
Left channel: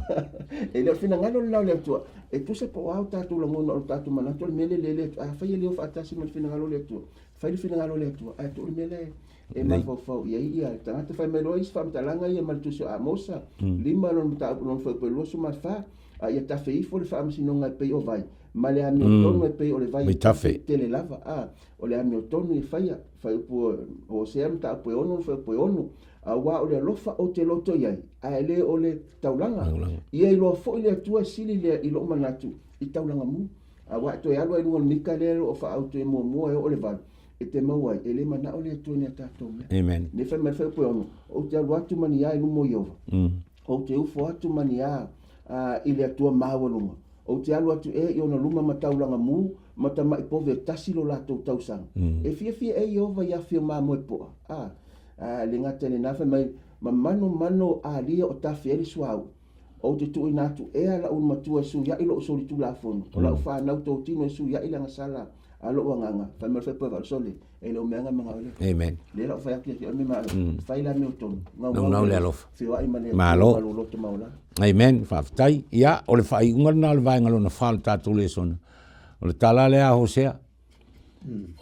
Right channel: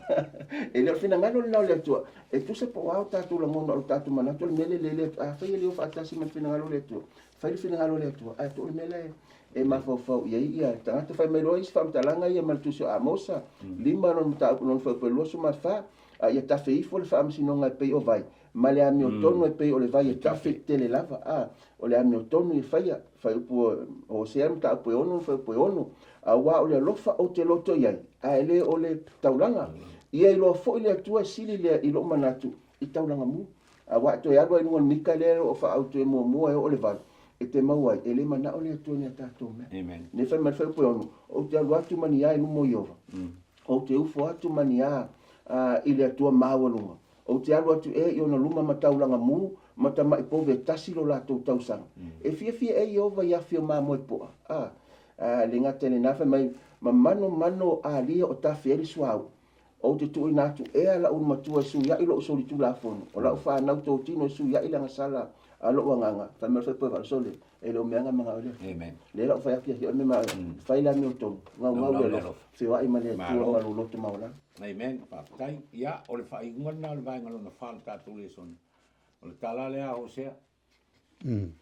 E leo whinangalo na le atua. E tu se po au tātou la ngona o tātou manatu. Mele le atua. Whai leo whaatasi mo whinangalo le atua. Whai le whinangalo le atua. Ai tu mele e mafofau ia tangata whai mai roa isi whamtalanga ia maltusio a mosa. Lima ron tāu non whapelosu ma wha. Ia tawhi ifo le whaamsinonga e pei o vai. Ma le amio tonu e pei o le vai e tawhi tele lava. O le amio tonu i whaia. Whai upo o se am tāu pui onu, whai pui onu. Wa o le lofa o te loto iai. A ele o le taulanga. Ia i loa fo i le atua sili le i lo manatu. I taulanga mu. Wa to e alwa i nunga mika le o wha au tu e mua e o le vai. E te mauai, e le mana o le atua ni a tātou. Amen. Ne whai mai whai pui onu. O te alu atu mani ai lumo i ova. O te ufo atu mani a i le atua māwalunga. O te alu atu e i ona lunga ma taulanga mu. Ma ta mai pove tasilo la tau tausanga. E fia e i ova i a fio māmo e poa. Le ngata le nafe mai ma mano a lia o ta fere suau o te tu ina tu e ala un matua su ya ilo so tu la fon o la fa na to tino su ya ila sala alo nganga ta me fa pa sole e lo menga manga amen le lo fa ki o me ma fa ila no to no le alof se wa imale malo lo te maula amen fa tai ya o le fa i unga na le vai ngalo na fa ta tu le son o le tala le a hosea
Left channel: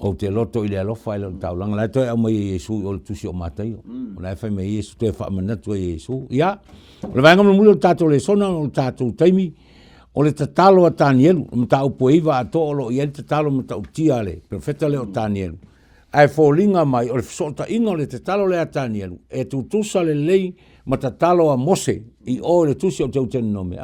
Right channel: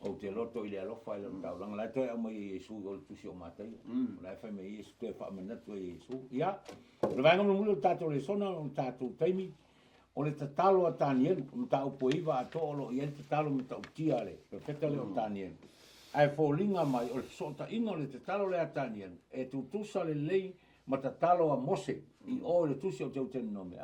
o te loto i le alofa i le taulanga. Lai toi au mai Yesu o le tusi o matai. O lai fai mai Yesu toi wha manatu e Yesu. Ia, o le vaenga muli o tātou Lesona, o le tātou taimi, o le tatalo a Tanielu, o mta upo iwa a to o lo i ele tatalo mta utia le, profeta le o Tanielu. Ai fōlinga mai, o le fisota inga o le tatalo le a Tanielu, e tutusa le lei ma tatalo a Mose, i o le tusi o Teuteronome.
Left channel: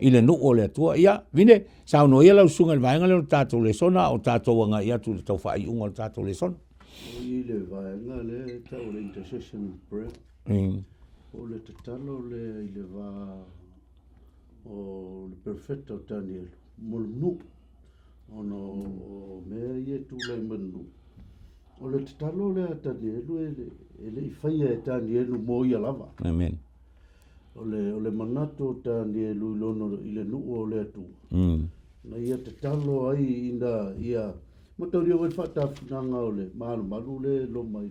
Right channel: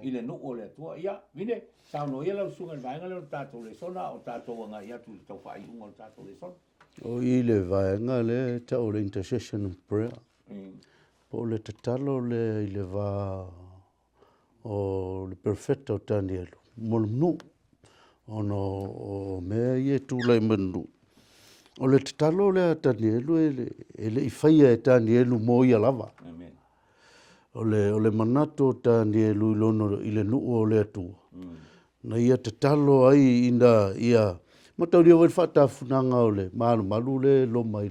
I le nuu o le atua. Ia, vine, sao no ia lau sunga le vaenga le o tātou Lesona, o tātou wanga ia tu le tau whai unga o tātou Lesona. O i le vaenga le tau le intercession and prayer. O le tatalo le i le va o le perfecta o Danielu. Molumnu. Ono o mea ie tu lai manu. O le tatalo le a Danielu e le i whaia e Danielu mo ia lava. Amen. O le manato Danielu ilono i le nuu o le atua. Na ia te talo ai ina ia matauria wai whatafunanga o le malu le loma i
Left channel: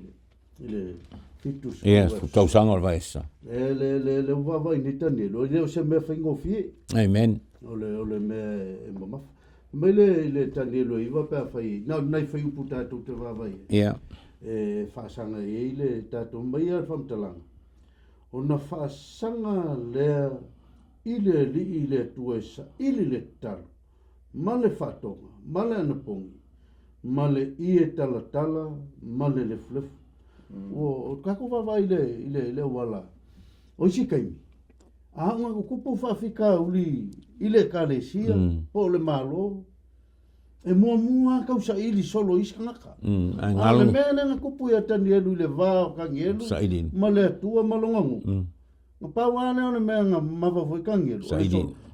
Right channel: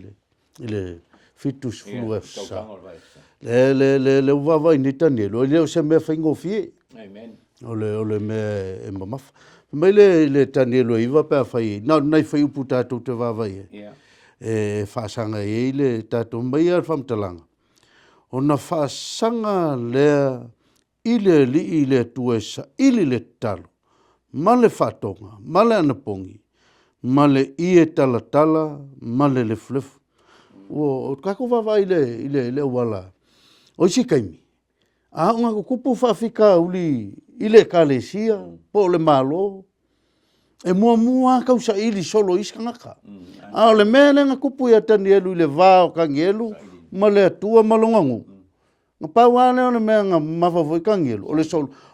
le fitus fues. Ia, tausanga o vaesa. Le uvavai ni Danielu. O leo se mea whaingo fie. Amen. O le mea e mamafa. Mai le Danielu iwa pēr whai. Nai whai upu tātou te vavai. Ia. E whaasanga e le tātou mai ar whamtalanga. O na whaasanga lea ile li le tuesa, ile le talo. Ma le whatonga, ma le anapongi, ma le ie tala, ma le flefu. O kako wawa ile wala. O isi kaimi. A unga kupu whawhika uli ile kalesia, po le malo. E mua kausa ili solo iska ngaka. A le mea nga kupu ia Danielu ile vao ka ngelu, ma le atua malongangu. Pawane ona mea nga mawhawhikangi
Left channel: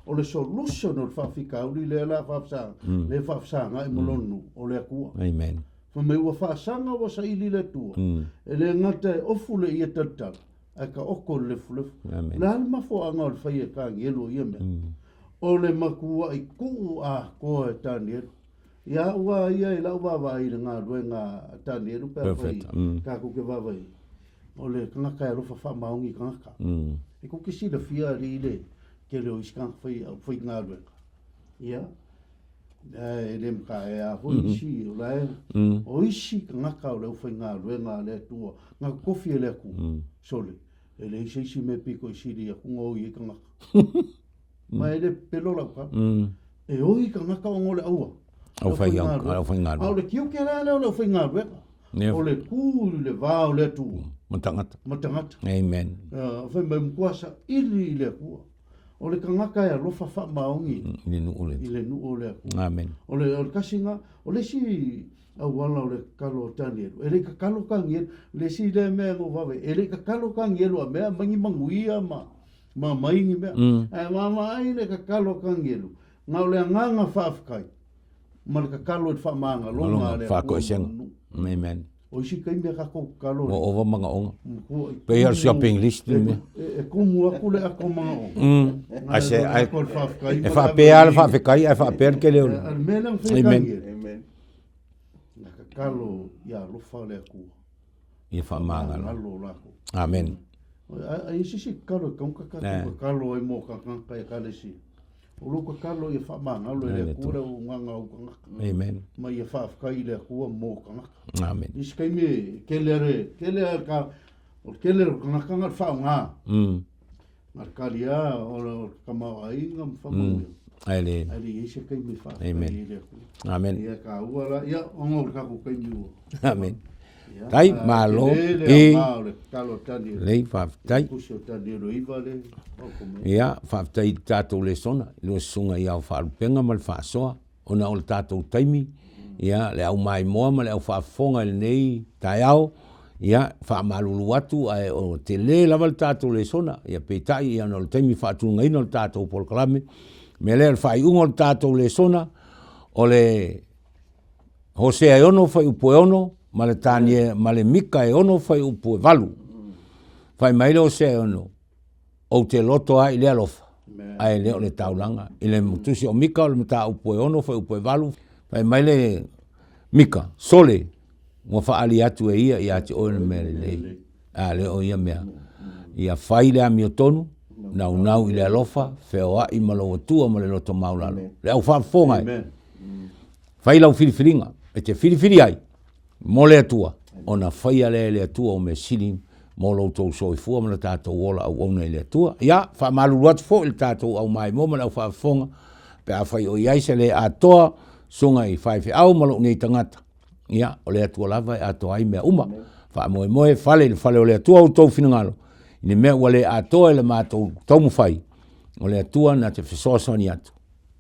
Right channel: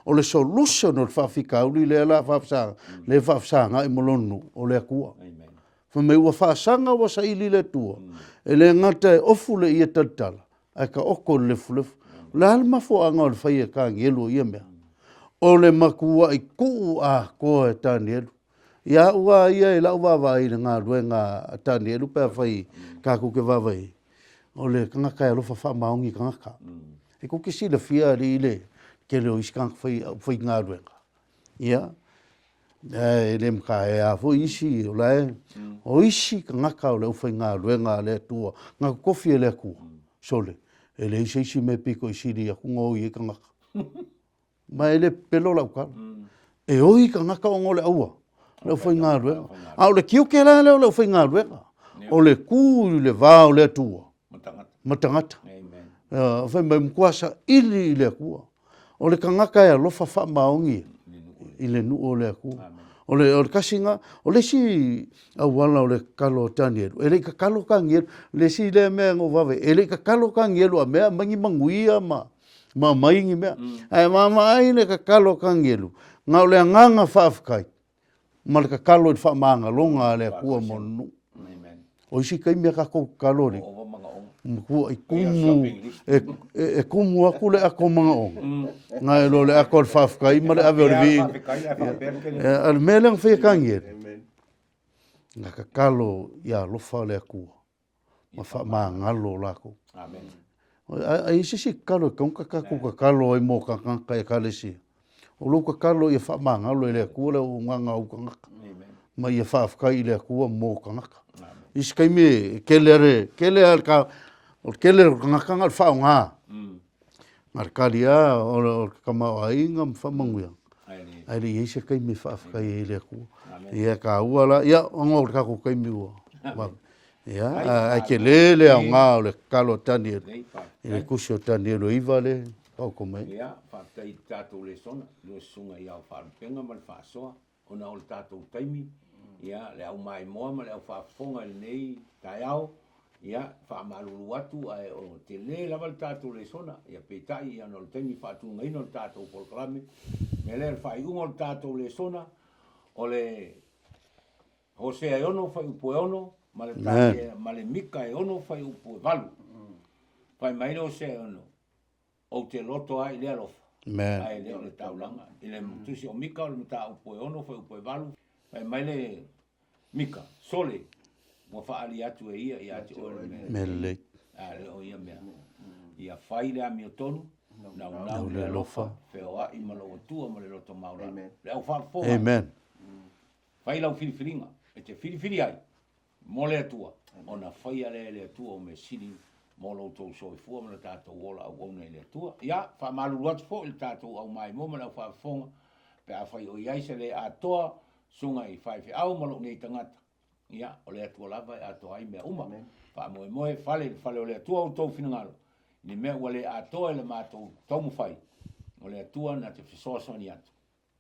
o le solution o le whawhikauri le la whawsanga le whawsanga i molonu o le akua. Amen. Whamei ua whasanga wa sa ili le tua. E le ngata e ofu le ia tatala. Ai ka oko le fulefu. Le hali mafo anga o le whaia kangi elu ia mea. O le makua i kuu a koe tani elu. Ia ua ia e lau wawai le ngā ruenga tani elu pēr whai kā kuke wawai. O le kangaka e lofa wha maungi kangaka. E kuke si le fia li le ke leo iskang whai ngā ruenga. Ia. E le mka e a fo isi o lai. O isi kangaka o le whai ngā ruenga le tua. Ngā kofi e le aku. Sole. E le isi me piko isi li aku ngoi e kangaka. Ma e le pelo lau ka. E oi kangaka o ngole aua. Lau whai ngā ruenga. Au le kiu ke la leo lau whai ngā ruenga. O le ku le vāo le tua. Matangata. Matangata. Amen. Whai mai mkuasa ili le akua. O le kangaka e alofa wha maongi. I le nu o le akua. Amen. O le kasinga, o le si awala o le kalo tani eru. E le ka kalo ka ngieru, le si le mea ngo wawe. E le ka kalo ka ngieru a mea mangi manguia ma maingi mea. Ai mai le ka kalo ka ngieru. Ngau le nganga whaafikai. Ma le ka kalo i wha maanga longa le akua monu. Amen. O isi kai mea kako kalore. O manga onga. Pea shopping list. E kumu aku le ako mga onga. Ngai lo le ako le whawhikai. E whapea le whawhikai, e whapea ke leo. Al melang whekangi. Nga ka kalo ia lofa le akua. Ia whamanga. Ngalo lako. Amen. A isi si kalo kaunka kako ka kalo ai mo kakanga e kalesi. O lo ka kalo ia whamanga lo le akua le o nganga au kangaka. Amen. Ma ia whawhikai le akua mo kangaka. Amen. Isi kai me kele al ka o kele ngaka ngal fa nga. Markalia o kama ainga mfamanguya. Ai le isi kai me fa kai le ku. Amen. Ia ka uala ia ngol ka ku kai me u. Amen. Ia kai ma le ma le kalo tani. Le fa kai ku sho tani lo ivale. Ia fa tai tato Lesona, lo sunga ia fa penga mal fa soa. Ona o tato taimi. Ia le au mai moa ma le au whaafonga le nei taiao. Ia whaamalu watu ai o te le lava le tātou Lesona. Ia peitai ia no le taimi whaatunga ina le tātou Polkalame. Me le whaiunga le tātou Lesona. O le Hosea e ono whai upo e ono. Ma le tanie, ma le Mika e ono whai upo e valu. Whai mai le Hosea e ono. O te loto ai le alofa. Ai leo le taulanga. I le mutusi o Mika o le mata upo e ono whai upo e valu. Pai mai le Mika, sole, mo whaali atu e ia te oe mele. Le o ia mea. Ia whai le ami o tonu, nau i le alofa, wheo ai malo atua ma le loto maulalo. Le au whaafonga ai. Whai lau whiriwhiringa, e te whiriwhiri ai, mo le atua. Ona whai a le atua o me sili, mo lo tau soifua ma le tātou ola au ona i le atua. Ia, whaamalu atu fo i le tātou au mai mo ma le au whaafonga, pe a whai o iai se le atoa, sunga i whaiwhi au malo nei tangata. Ia, o le atua lava e atoa ai mea uma. Wha moe whale o le atua au tau whinangalo. Ine mea ua le atoa le mātou tau mwhai. O le atua na te whisosani atu.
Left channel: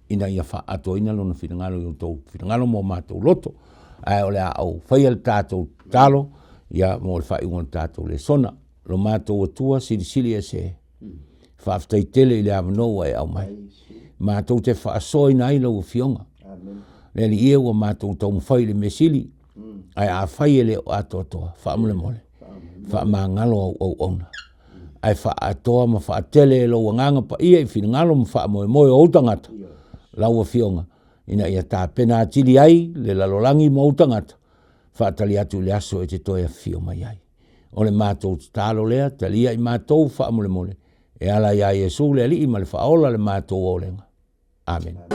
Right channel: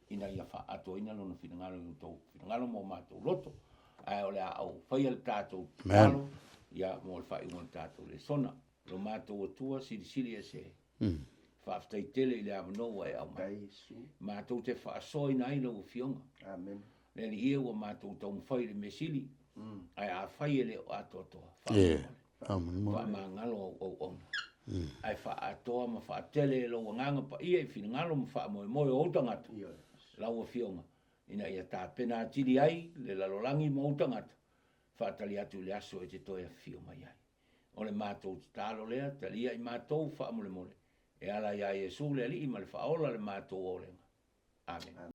Ina ia wha atoa ina lona whinangalo i au tau whinangalo mo mātou loto. Ai o le au whai al tātou talo. Ia, mo le whai unga tātou Lesona. Lo mātou atua sili e se. Whaaftai tele i le avanoa e au mai. Mātou te whaasoa ina ai lau fionga. Le li ia ua mātou tau mwhai le mesili. Ai a whai ele o ato atoa. Wha mole mole. Wha maa ngalo au ona. Ai wha atoa ma wha atele e lau nganga pa ia i whina ngalo ma wha moe moe o utangata. Lau a fionga. Ina ia tā pena atili ai le lalolangi ma utangata. Wha atali atu le aso e te toi a fio mai ai. O le mātou tālo lea, talia i mātou wha mole mole. E ala ia Jesu le ali i ma le wha ola le mātou o lenga. Amen.